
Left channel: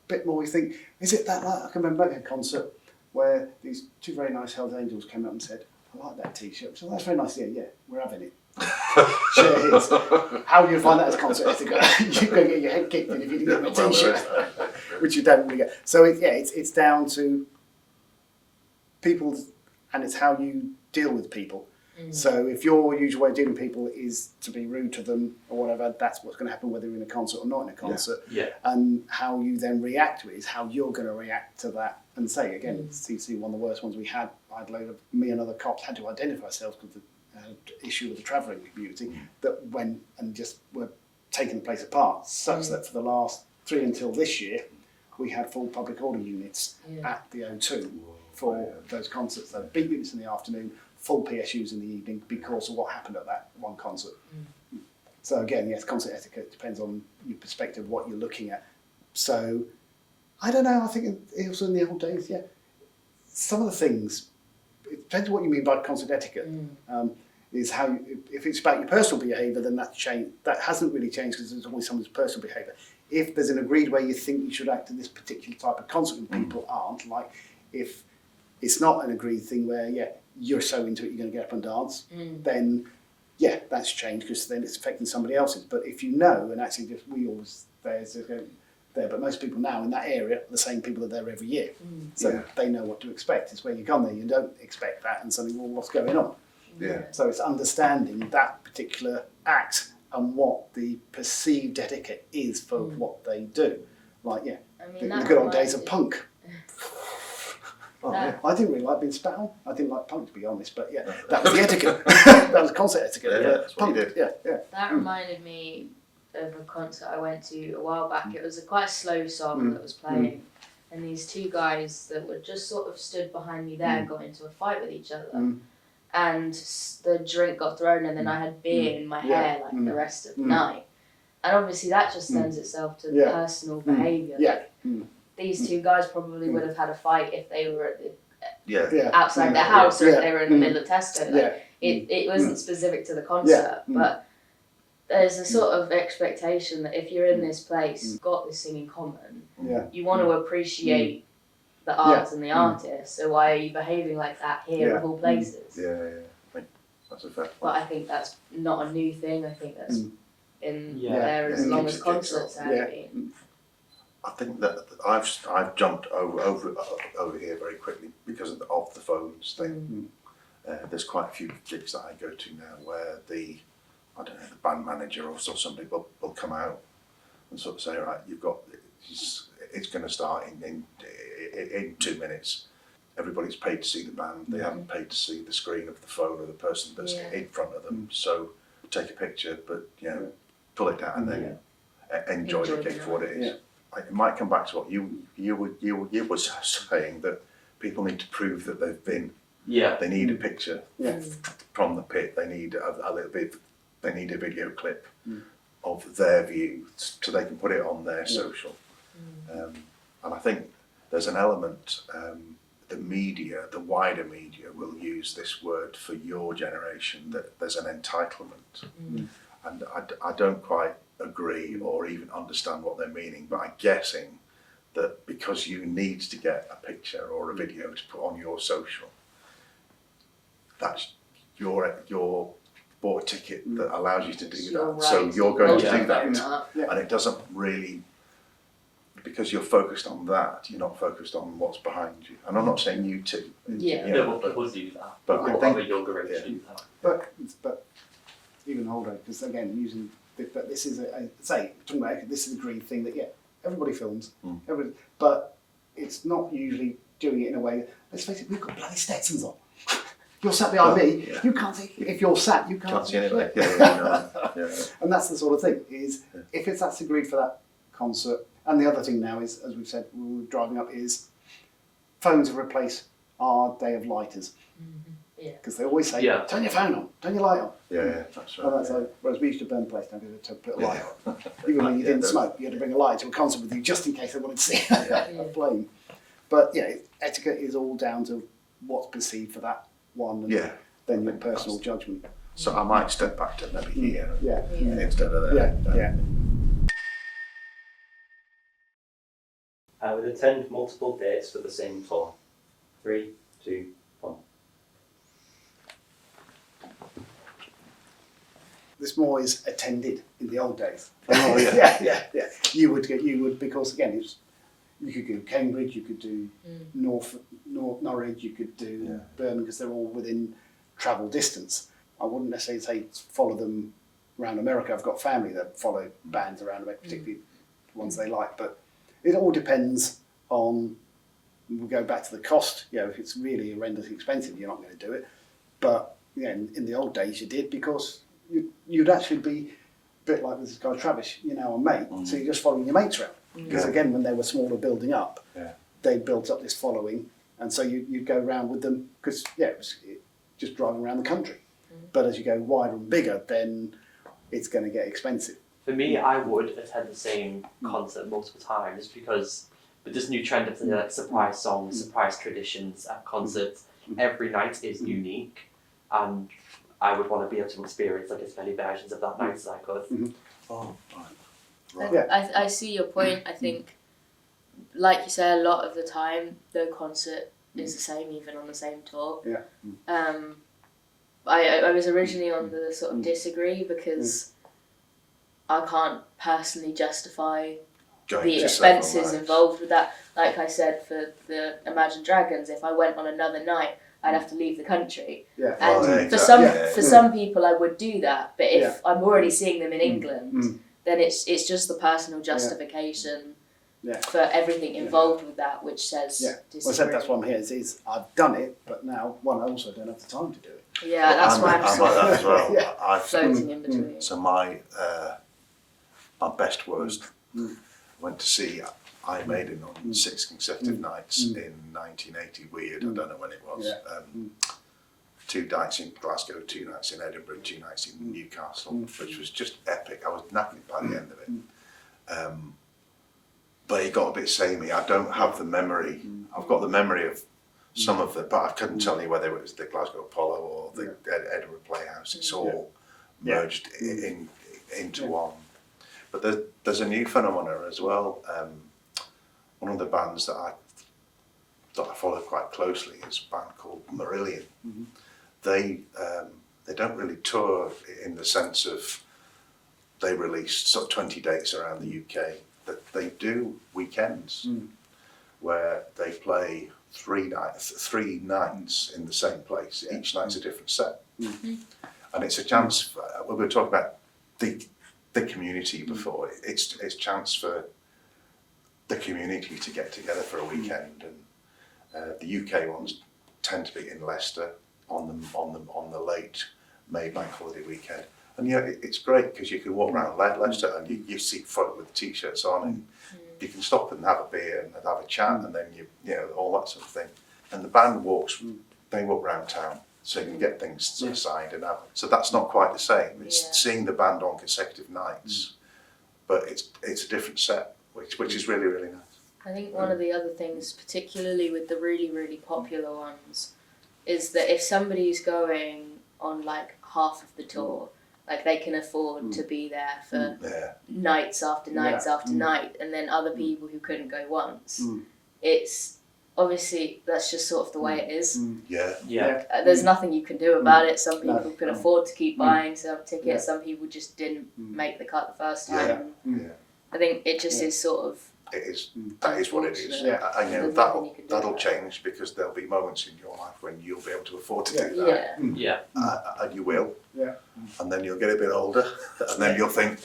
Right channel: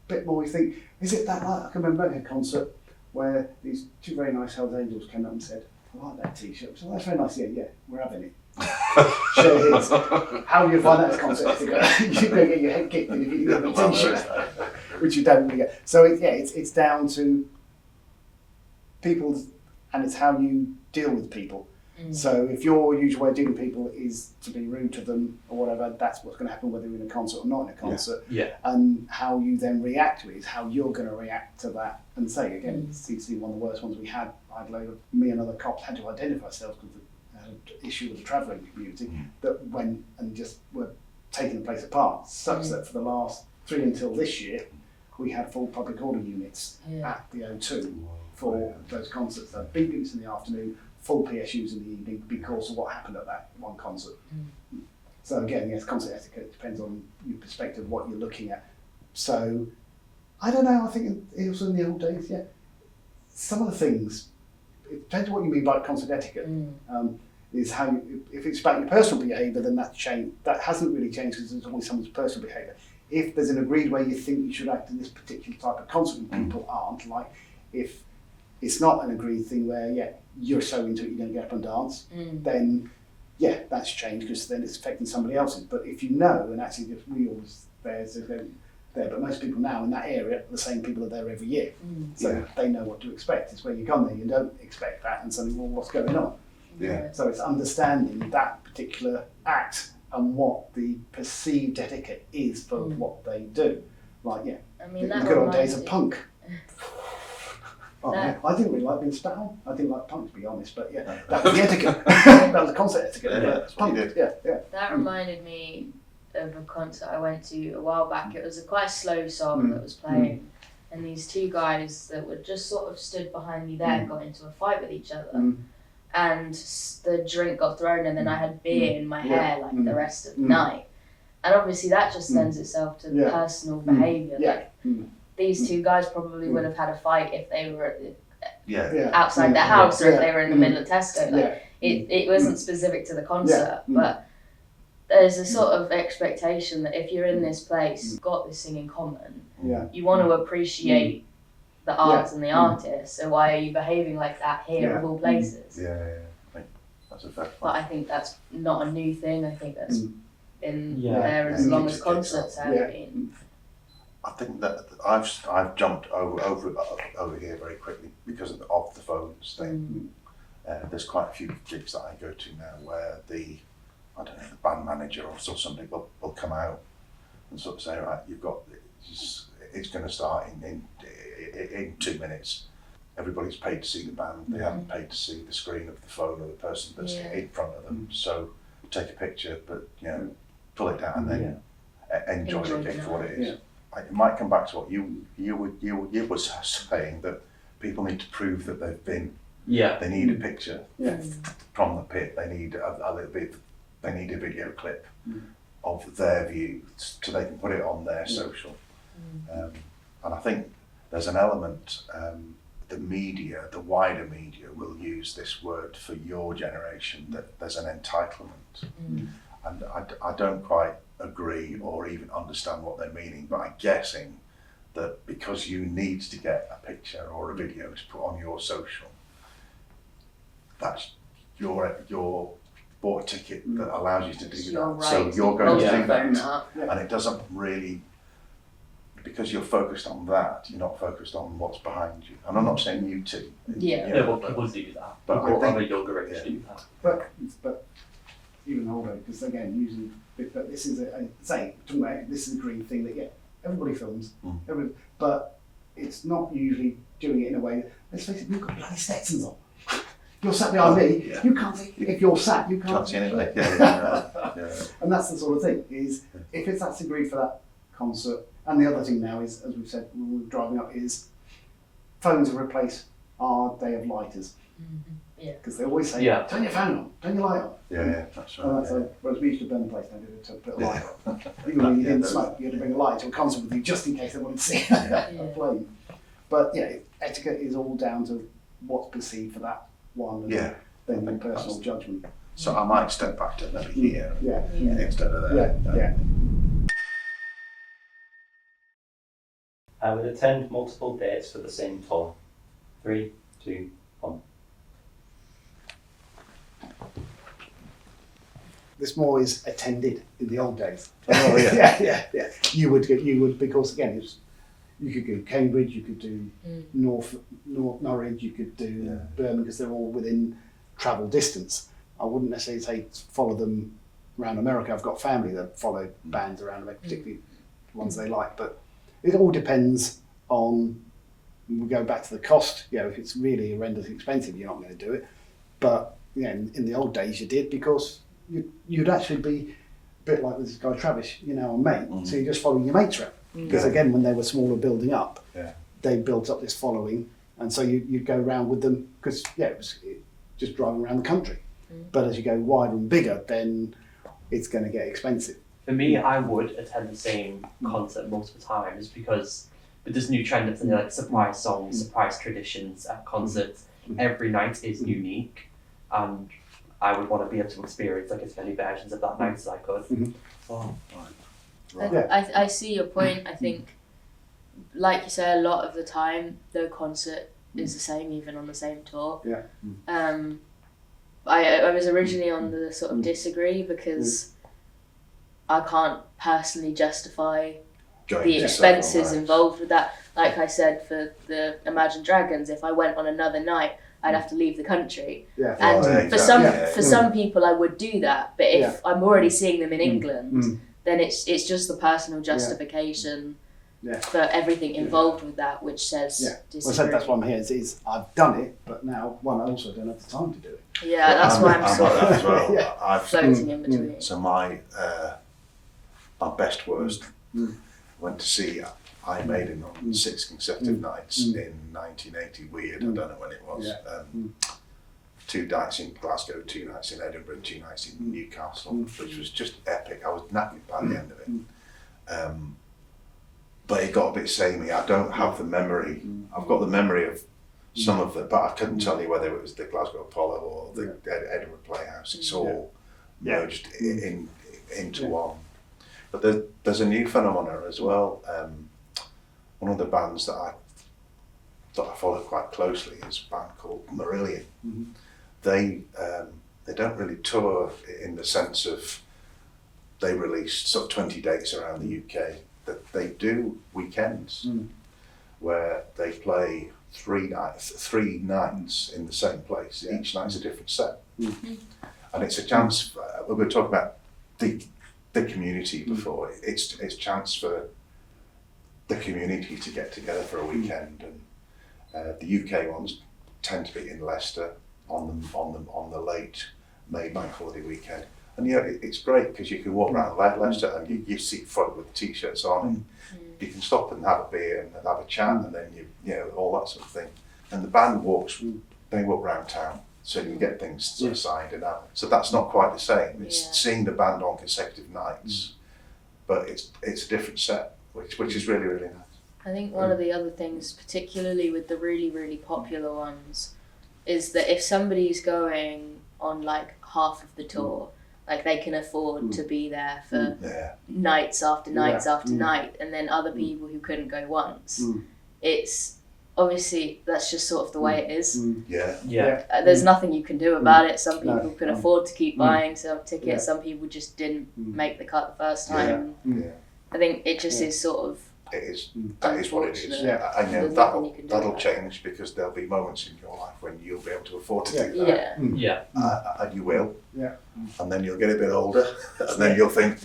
bit more, we think, is it that like? I can remember a concert where these 2 very nice Hells Angels came up and said, I like that t-shirt. So that's very nice, yeah, we're having it. Share his. How do you find that as concert etiquette? You're going to get your head kicked in if you didn't have a t-shirt, which you don't really get. So it's down to people, and it's how you deal with people. So if your usual way of dealing with people is to be rude to them or whatever, that's what's going to happen whether you're in a concert or not in a concert. Yeah. And how you then react to it is how you're going to react to that. And say again, CC, one of the worst ones we had. I had a load of me and other cops had to identify ourselves because the issue with the travelling community that went and just were taking the place apart, such that for the last 3 until this year, we had full public order units at the O2 for those concerts. So big units in the afternoon, full PSUs in the evening because of what happened at that one concert. So again, yes, concert etiquette depends on your perspective, what you're looking at. So I don't know, I think also in the old days, some of the things, it depends on what you mean by concert etiquette. Is how if it's about your personal behaviour, then that's changed. That hasn't really changed because there's always someone's personal behaviour. If there's an agreed way you think you should act in this particular type of concert and people aren't, like if it's not an agreed thing where you're so into it you're going to get up and dance, then that's changed because then it's affecting somebody else's. But if you know, and actually just we always there, but most people now in that area, the same people are there every year, so they know what to expect. It's when you come there you don't expect that and suddenly, well, what's going on? Yeah. So it's understanding that particular act and what the perceived etiquette is for what they do. Like, I mean, the that good old reminds days of me- punk. Oh, Yeah. yeah. I didn't really like being spat on. I didn't like punk, to be honest, but yeah, that was the etiquette. That was concert etiquette. Yeah, but that's what you punk, did. yeah. That reminded me of a concert I went to a while back. It was a quite slow song that was playing, and these two guys that were just sort of stood behind me there got into a fight with each other. And the drink got thrown, and then I had beer in my hair like the rest of the night. And obviously that just lends itself to personal behaviour. Yeah. These two guys probably would have had a fight if they were Yeah. outside their house or if they were in the middle of Tesco. Like, Yeah. it wasn't specific to the concert, but there's a sort of expectation that if you're in this place, you've got this thing in common, you want to appreciate the art and the artist, so why are you behaving like that here of all places? Yeah. I think that's a fair point. But I think that's not a new thing. I think that's in Yeah. there as Yeah. long as concerts have been. I think that I've jumped over here very quickly because of the phones thing. There's quite a few gigs that I go to now where the band manager or somebody will come out and sort of say, right, you've got it's going to start in 2 minutes. Everybody's paid to see the band. They haven't paid to see the screen of the phone or the person that's in front of them. So take a picture, but pull it down and then enjoy the gig for what it is. Yeah. It might come back to what you were saying, that people need to prove that they've been. Yeah. They need a picture Yeah. from the pit. They need a little bit. They need a video clip of their view so they can put it on their social. And I think there's an element. The media, the wider media, will use this word for your generation, that there's an entitlement, and I don't quite agree or even understand what they're meaning, but I'm guessing that because you need to get a picture or a video to put on your social, that's your bought a ticket that allows you to do that. Right. So you're going to do that, Yeah. and it doesn't really, because you're focused on that, you're not focused on what's behind you. And I'm not saying you two. Yeah. No, but people do that. But People I think- of a younger age do that. But even older, because again, using, but this is talking about this is a green thing that everybody films, but it's not usually doing it in a way. Let's face it, we've got bloody Stetsons on. You're sat behind me. Yeah. You can't see. If you're sat, you can't Can't see anything. Yeah. And that's the sort of thing. Is if that's agreed for that concert. And the other thing now is, as we've said, when we're driving up, is phones have replaced our day of lighters. Because they always say, turn your phone on, turn your light on. Yeah, that's right. And that's like, whereas we used to burn the place down to put a light on. Even when you didn't smoke, you had to bring a light to a concert with you just in case they wanted to see a flame. But etiquette is all down to what's perceived for that one, and then your personal judgment. So I might step back to maybe here instead of Yeah, there. yeah. I would attend multiple dates for the same tour. 3, 2, 1. This more is attended in the old days. Oh, yeah. You would because again, you could go Cambridge, you could do North Norwich, you could do Birmingham, because they're all within travel distance. I wouldn't necessarily say follow them around America. I've got family that follow bands around America, particularly the ones they like. But it all depends on. We go back to the cost. If it's really horrendously expensive, you're not going to do it. But in the old days, you did, because you'd actually be a bit like this guy Travis, our mate. So you just follow your mates around. Because again, when they were smaller, building up, they built up this following, and so you'd go around with them because it was just driving around the country. But as you go wider and bigger, then it's going to get expensive. For me, I would attend the same concert multiple times, because with this new trend of like surprise songs, surprise traditions at concerts, every night is unique, and I would want to be able to experience like as many versions of that night as I could. Oh, right. I see your point. I think, like you say, a lot of the time the concert is the same, even on the same tour. I was originally on the sort of disagree, because I can't personally justify the expenses involved with that. Like I said, for the Imagine Dragons, if I went on another night, I'd have to leave the country. And for some people, I would do that. But if I'm already seeing them in England, then it's just the personal justification for everything involved with that, which says Well, disagree. that's why I'm here. Is I've done it, but now I also don't have the time to do it. Yeah, that's why I'm like sort that of as well. Yeah. I've floating in between. So my best worst went to see Iron Maiden on 6 consecutive nights in 1980. Weird, I don't know when it was. Yeah. 2 nights in Glasgow, 2 nights in Edinburgh, 2 nights in Newcastle, which was just epic. I was knackered by the end of it. But it got a bit samey. I don't have the memory. I've got the memory of some of it, but I couldn't tell you whether it was the Glasgow Apollo or the Edinburgh Playhouse. It's all merged into one. But there's a new phenomenon as well. One of the bands that I follow quite closely is a band called Marillion. They don't really tour in the sense of they release sort of 20 dates around the UK, but they do weekends where they play 3 nights in the same place. Each night's a different set, and it's a chance. For, we were talking about the community before. It's a chance for the community to get together for a weekend, and the UK ones tend to be in Leicester on the late May bank holiday weekend. And it's great because you can walk around Leicester and you see folk with t-shirts on, and you can stop and have a beer and have a chat, and then you know all that sort of thing. And the band they walk around town, so you can get things sort of signed and out. So that's not quite the same. It's seeing the band on consecutive nights, but it's a different set, which is really, really nice. I think one of the other things, particularly with the really, really popular ones, is that if somebody's going on like half of the tour, like they can afford to be there for nights after nights after night, and then other people who couldn't go once, it's obviously that's just sort of the way it is. There's nothing you can do about it. Some people can afford to keep buying some tickets, some people just didn't make the cut the first time. I think it just is sort of. It is. That is what it is. I know that'll change because there'll be moments in your life when you'll be able to afford to do that. And you will. And then you'll get a bit older, and then you'll think,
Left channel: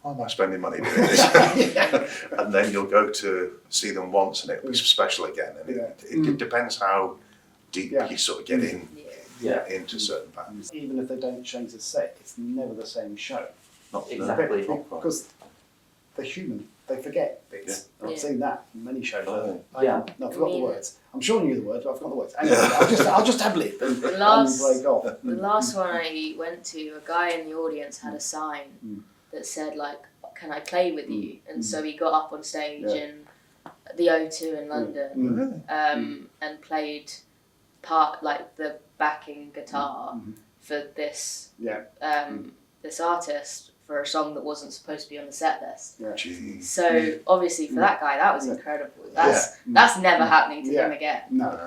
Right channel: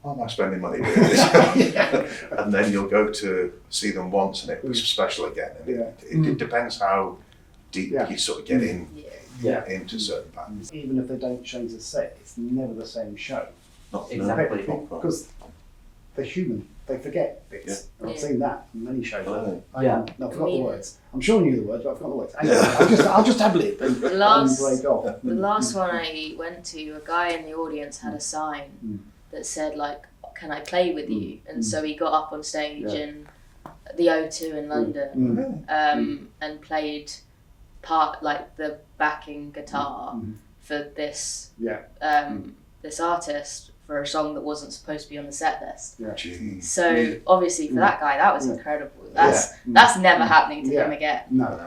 why am I spending money doing this? And then you'll go to see them once, and it'll be special again. And it depends how deep you sort of get into certain bands. Even if they don't change the set, it's never the same show. Not Exactly. Because they're human. They forget bits. I've seen that in many shows. Oh. I've forgotten the words. I'm sure I knew the words, but I've forgotten the words. Anyway, I'll just have a lip and break off. The last one I went to, a guy in the audience had a sign that said like, "Can I play with you?" And so he got up on stage in the O2 in London and played part like the backing guitar for this this artist for a song that wasn't supposed to be on the set list. So obviously for that guy that was incredible. That's never happening to him again. No.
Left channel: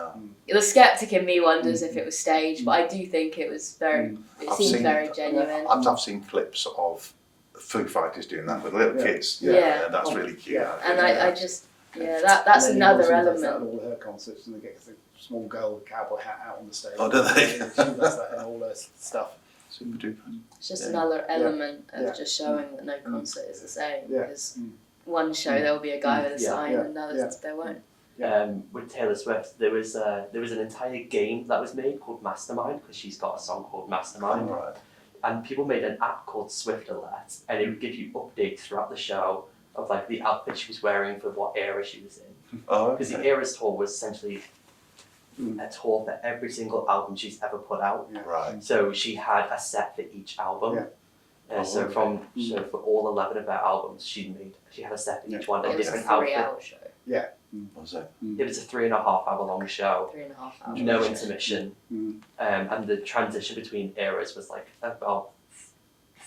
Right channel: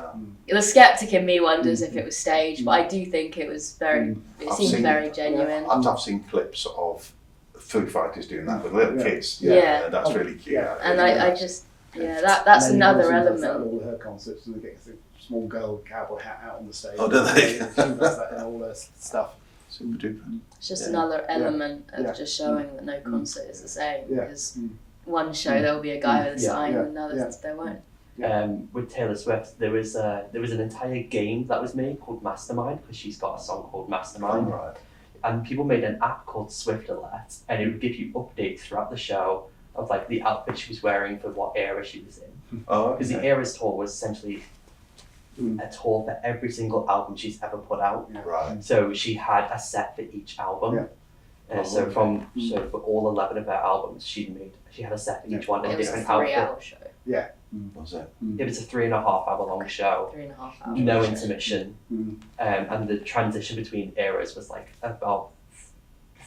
The skeptic in me wonders if it was staged, but I do think it was very. It seemed very genuine. I've seen clips of Foo Fighters doing that with little kids. Yeah. And that's really cute. And I just that's another element. All her concerts, and they get a small girl with a cowboy hat out on the stage. Oh, do they? She does that and all her stuff. Super duper. It's just another element of just showing that no concert is the same. Because one show there will be a guy with a sign, and another there won't. With Taylor Swift, there was an entire game that was made called Mastermind, because she's got a song called Mastermind. Right. And people made an app called Swift Alert, and it would give you updates throughout the show of like the outfit she was wearing for what era she was in. Because the Eras tour was essentially a tour for every single album she's ever put out. Right. So she had a set for each album. So for all 11 of her albums, she had a set for each one, a It was a different 3-hour outfit. show. Was it? It was a 3.5 hour long show. 3.5 hours. No intermission. And the transition between eras was like about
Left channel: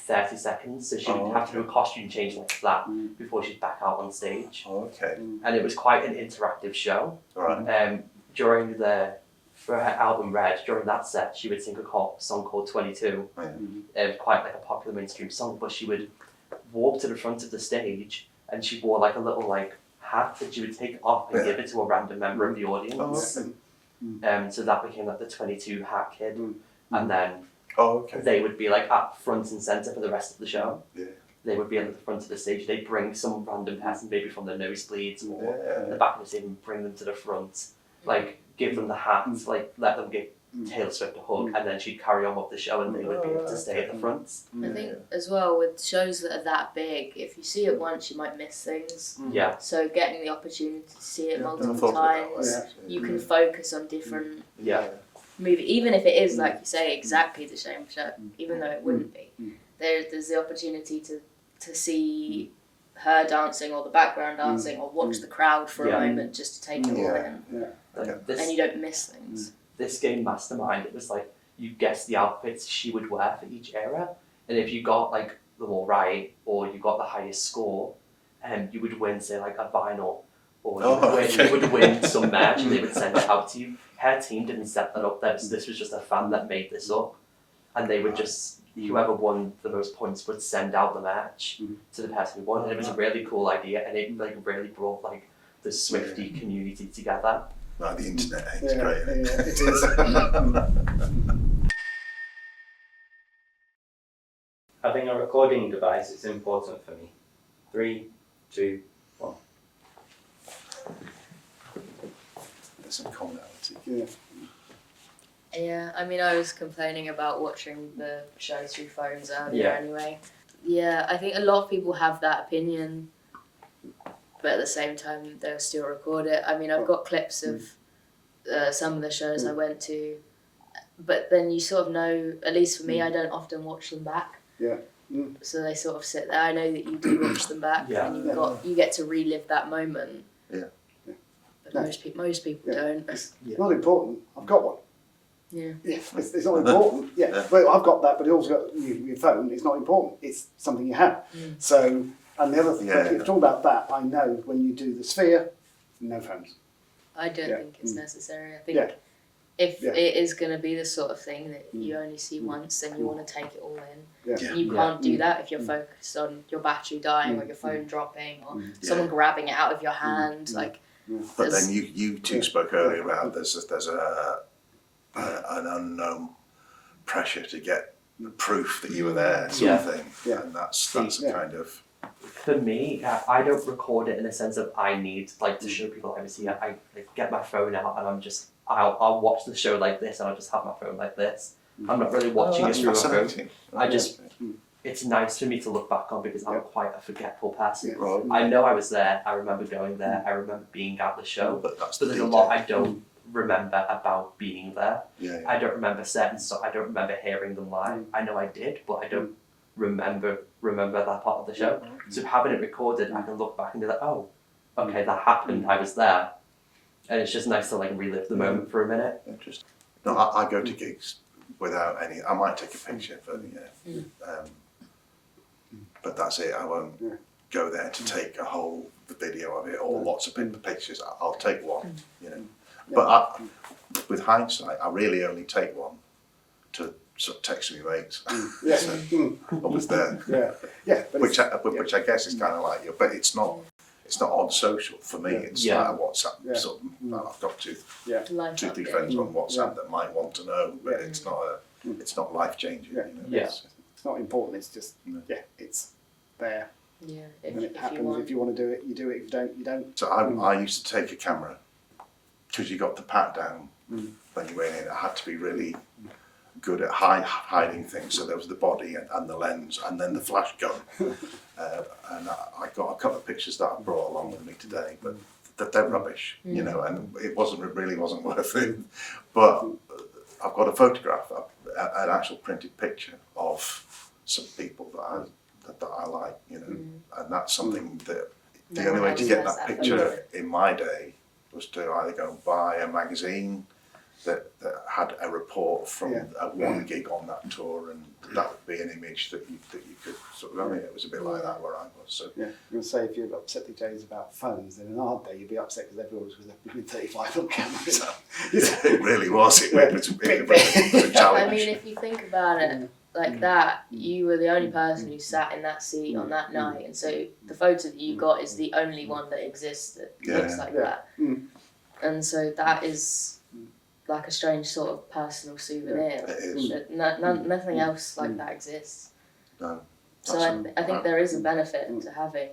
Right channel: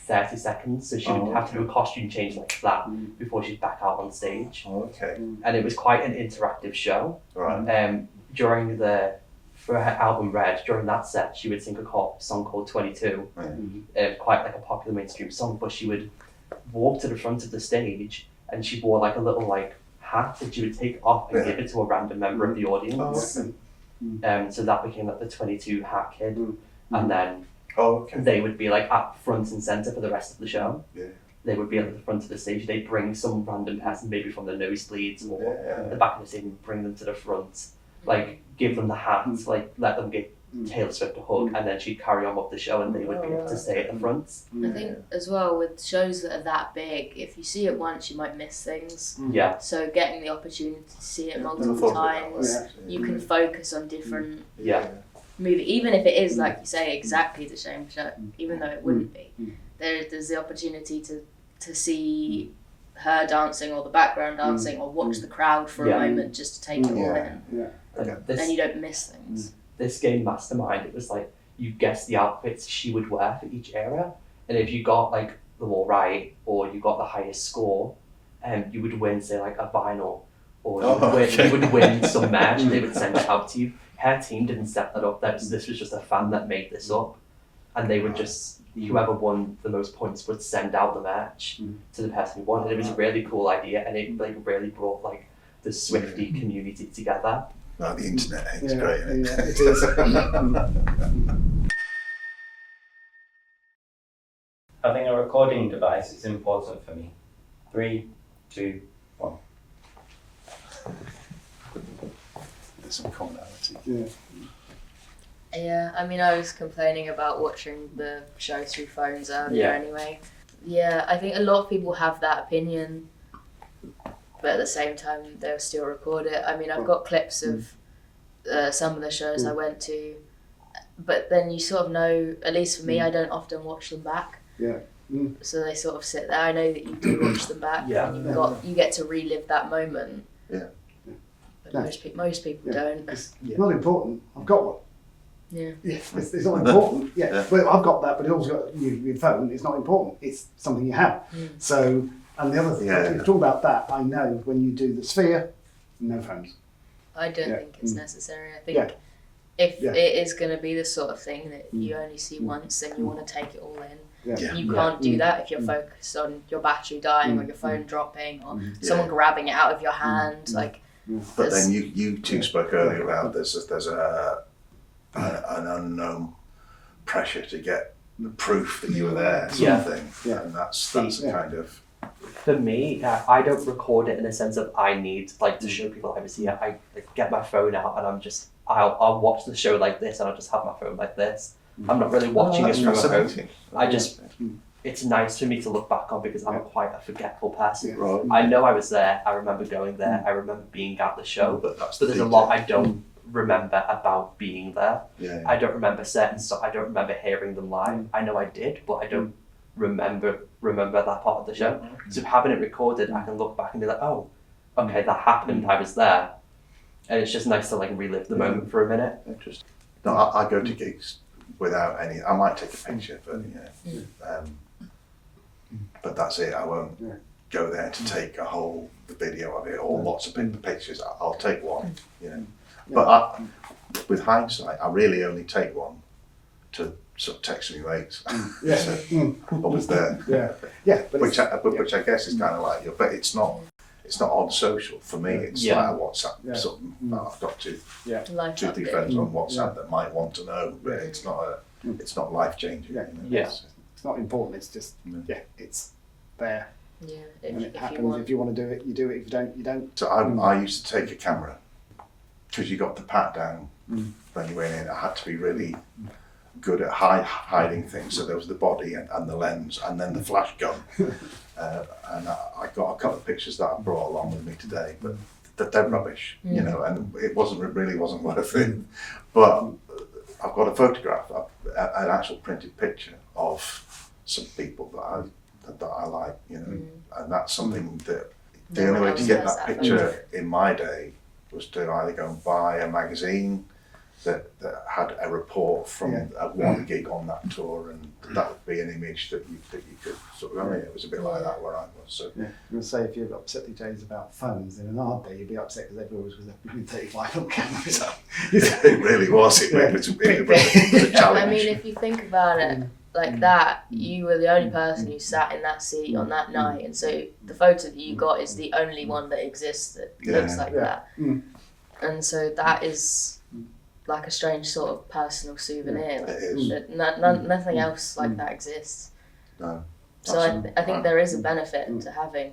30 seconds. So she would have to do a costume change like that before she's back out on stage. Oh, okay. And it was quite an interactive show. Right. For her album Red, during that set, she would sing a song called 22, quite like a popular mainstream song, but she would walk to the front of the stage and she wore like a little like hat that she would take off and give it to a random member of the audience. So that became like the 22 hat kid, and then they would be like up front and centre for the rest of the show. they would be at the front of the stage. They'd bring some random person, maybe from the nosebleeds or Yeah. the back of the stage, and bring them to the front, like give them the hands, like let them give Taylor Swift a hug, and then she'd carry on with the show, and they would be able to stay at the front. I think as well with shows that are that big, if you see it once, you might miss things. Yeah, So getting the opportunity to see it I multiple thought of it that way, times, actually. you can focus on different yeah, movie, even if it is like you say exactly the same show, even though it wouldn't be. There's the opportunity to see her dancing or the background dancing or watch the crowd for Yeah. a moment just to take it all Yeah. in, Like, and this you don't miss things. this game Mastermind, it was like you guessed the outfits she would wear for each era, and if you got like them all right or you got the highest score, you would win, say, like a vinyl, or you would win some merch, and they would send it out to you. Her team didn't set that up. This was just a fan that made this up, and they would just, whoever won the most points would send out the merch to the person who won. And it was a really cool idea, and it like really brought like the Swiftie community together. Like the internet, it's great. Yeah, Isn't it is. Having a recording device is important for me. 3, 2, 1. There's some commonality. Yeah. Yeah, I mean, I was complaining about watching the show through phones earlier Yeah. anyway. Yeah, I think a lot of people have that opinion, but at the same time, they'll still record it. I mean, I've got clips of some of the shows I went to, but then you sort of know, at least for me, I don't often watch them back. Yeah. So they sort of sit there. I know that you do watch them back, Yeah. and you get to relive that moment. Yeah. But Yeah. most people Yeah. don't. It's not important. I've got one. Yeah. Yeah, it's not important. Yeah, well, I've got that, but it also got your phone. It's not important. It's something you have. So, and the other thing, Yeah. if you talk about that, I know when you do the Sphere, no phones. I don't Yeah. think it's necessary. I think Yeah. if Yeah. it is going to be the sort of thing that you only see once, then you want to take it all in. Yeah. You can't do that if you're focused on your battery dying or your phone dropping or someone grabbing it out of your hand. Like, But then you two spoke earlier about there's an unknown pressure to get the proof that you were there, sort of thing. Yeah. And that's Yeah. a kind of For me, I don't record it in the sense of I need like to show people I was here. I get my phone out and I'll watch the show like this, and I'll just have my phone like this. I'm not really watching it that's from a phone. fascinating. I just, it's nice for me to look back on because I'm quite a forgetful person. Yeah. Right. I know I was there. I remember going there. I remember being at the show. But that's But the there's a detail. lot I don't remember about being there. Yeah. I don't remember certain stuff. I don't remember hearing them live. I know I did, but I don't remember that part of the show. So having it recorded, I can look back and be like, oh, okay, that happened. I was there, and it's just nice to like relive the moment for a minute. Interesting. No, I go to gigs without any. I might take a picture, but but that's it. I won't go there to take a whole video of it or lots of pictures. I'll take one, you know. But with hindsight, I really only take one to sort of text me mates. Yeah. I was there. Yeah. Yeah. But Which I guess is kind of like but it's not on social for me. It's like a WhatsApp. Yeah. Sort of, well, I've got two, life 3 update. friends on WhatsApp that might want to know, but it's not life changing. Yeah. You know? Yeah. it's not important. It's just it's there, Yeah, and it if you happens. want. If you want to do it, you do it. If you don't, you don't. So I used to take a camera because you got the pat down when you went in. I had to be really good at hiding things. So there was the body and the lens and then the flash gun. And I got a couple of pictures that I brought along with me today, but they're rubbish, you know, and it really wasn't worth it. But I've got a photograph, an actual printed picture of some people that I like, you know, and that's something that the No only one way to else get has that that picture in my day was to either go and buy a magazine that had a report from one gig on that tour, and that would be an image that you could sort of, it was a bit like that where I was. So Yeah, I'm going to say if you're upset these days about phones, in an hard day you'd be upset because everyone was with 35mm cameras. it really was. It was a challenge. I mean, if you think about it like that, you were the only person who sat in that seat on that night, and so the photo that you got is the only one that exists that looks like that. And so that is like a strange sort of personal souvenir. It is. Nothing else like that exists. No. So I think there is a benefit to having,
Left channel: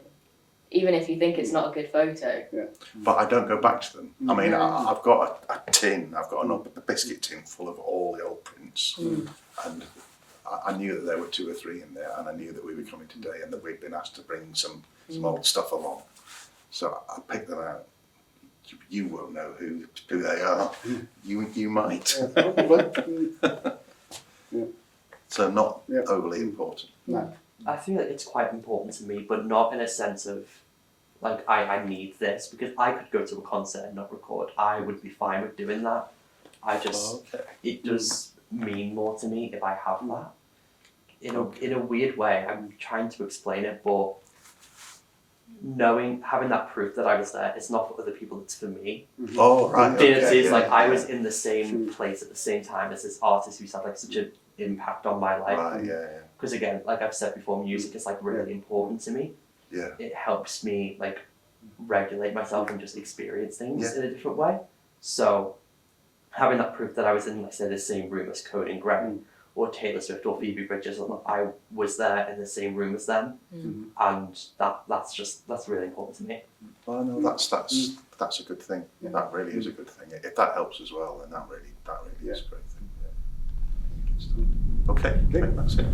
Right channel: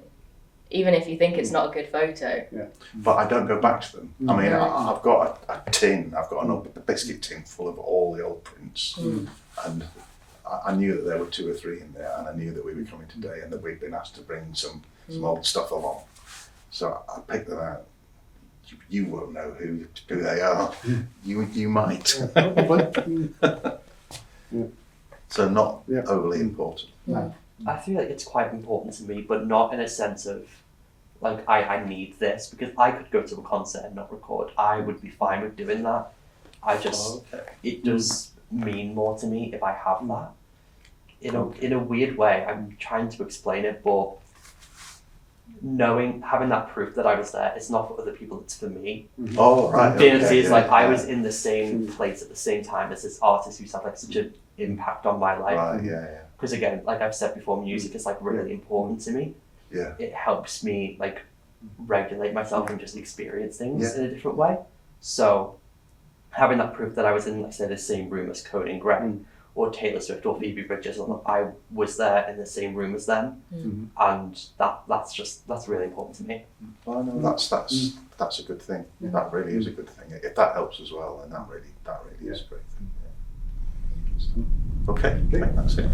even if you think it's not a good photo. But I don't go back to them. I mean, No. I've got a tin, I've got a biscuit tin full of all the old prints, and I knew that there were 2 or 3 in there, and I knew that we were coming today, and that we'd been asked to bring some old stuff along. So I picked them out. You won't know who they are. You might. So not overly important. No. I feel like it's quite important to me, but not in a sense of like I need this, because I could go to a concert and not record. I would be fine with doing that. I just it does mean more to me if I have that. In a weird way, I'm trying to explain it, but having that proof that I was there, it's not for other people, it's for me. Oh, right. The idea is like I was in the same place at the same time as this artist who's had like such an impact on my life. Right, yeah. Because again, like I've said before, music is like really important to me. Yeah. It helps me like regulate myself and just experience things in a different way. So having that proof that I was in, like say, the same room as Cohen and Greg, or Taylor Swift or Phoebe Bridgers, I was there in the same room as them, and that's really important to me. That's a good thing. That really is a good thing. If that helps as well, then that really is a great thing. Yeah. Okay, that's it.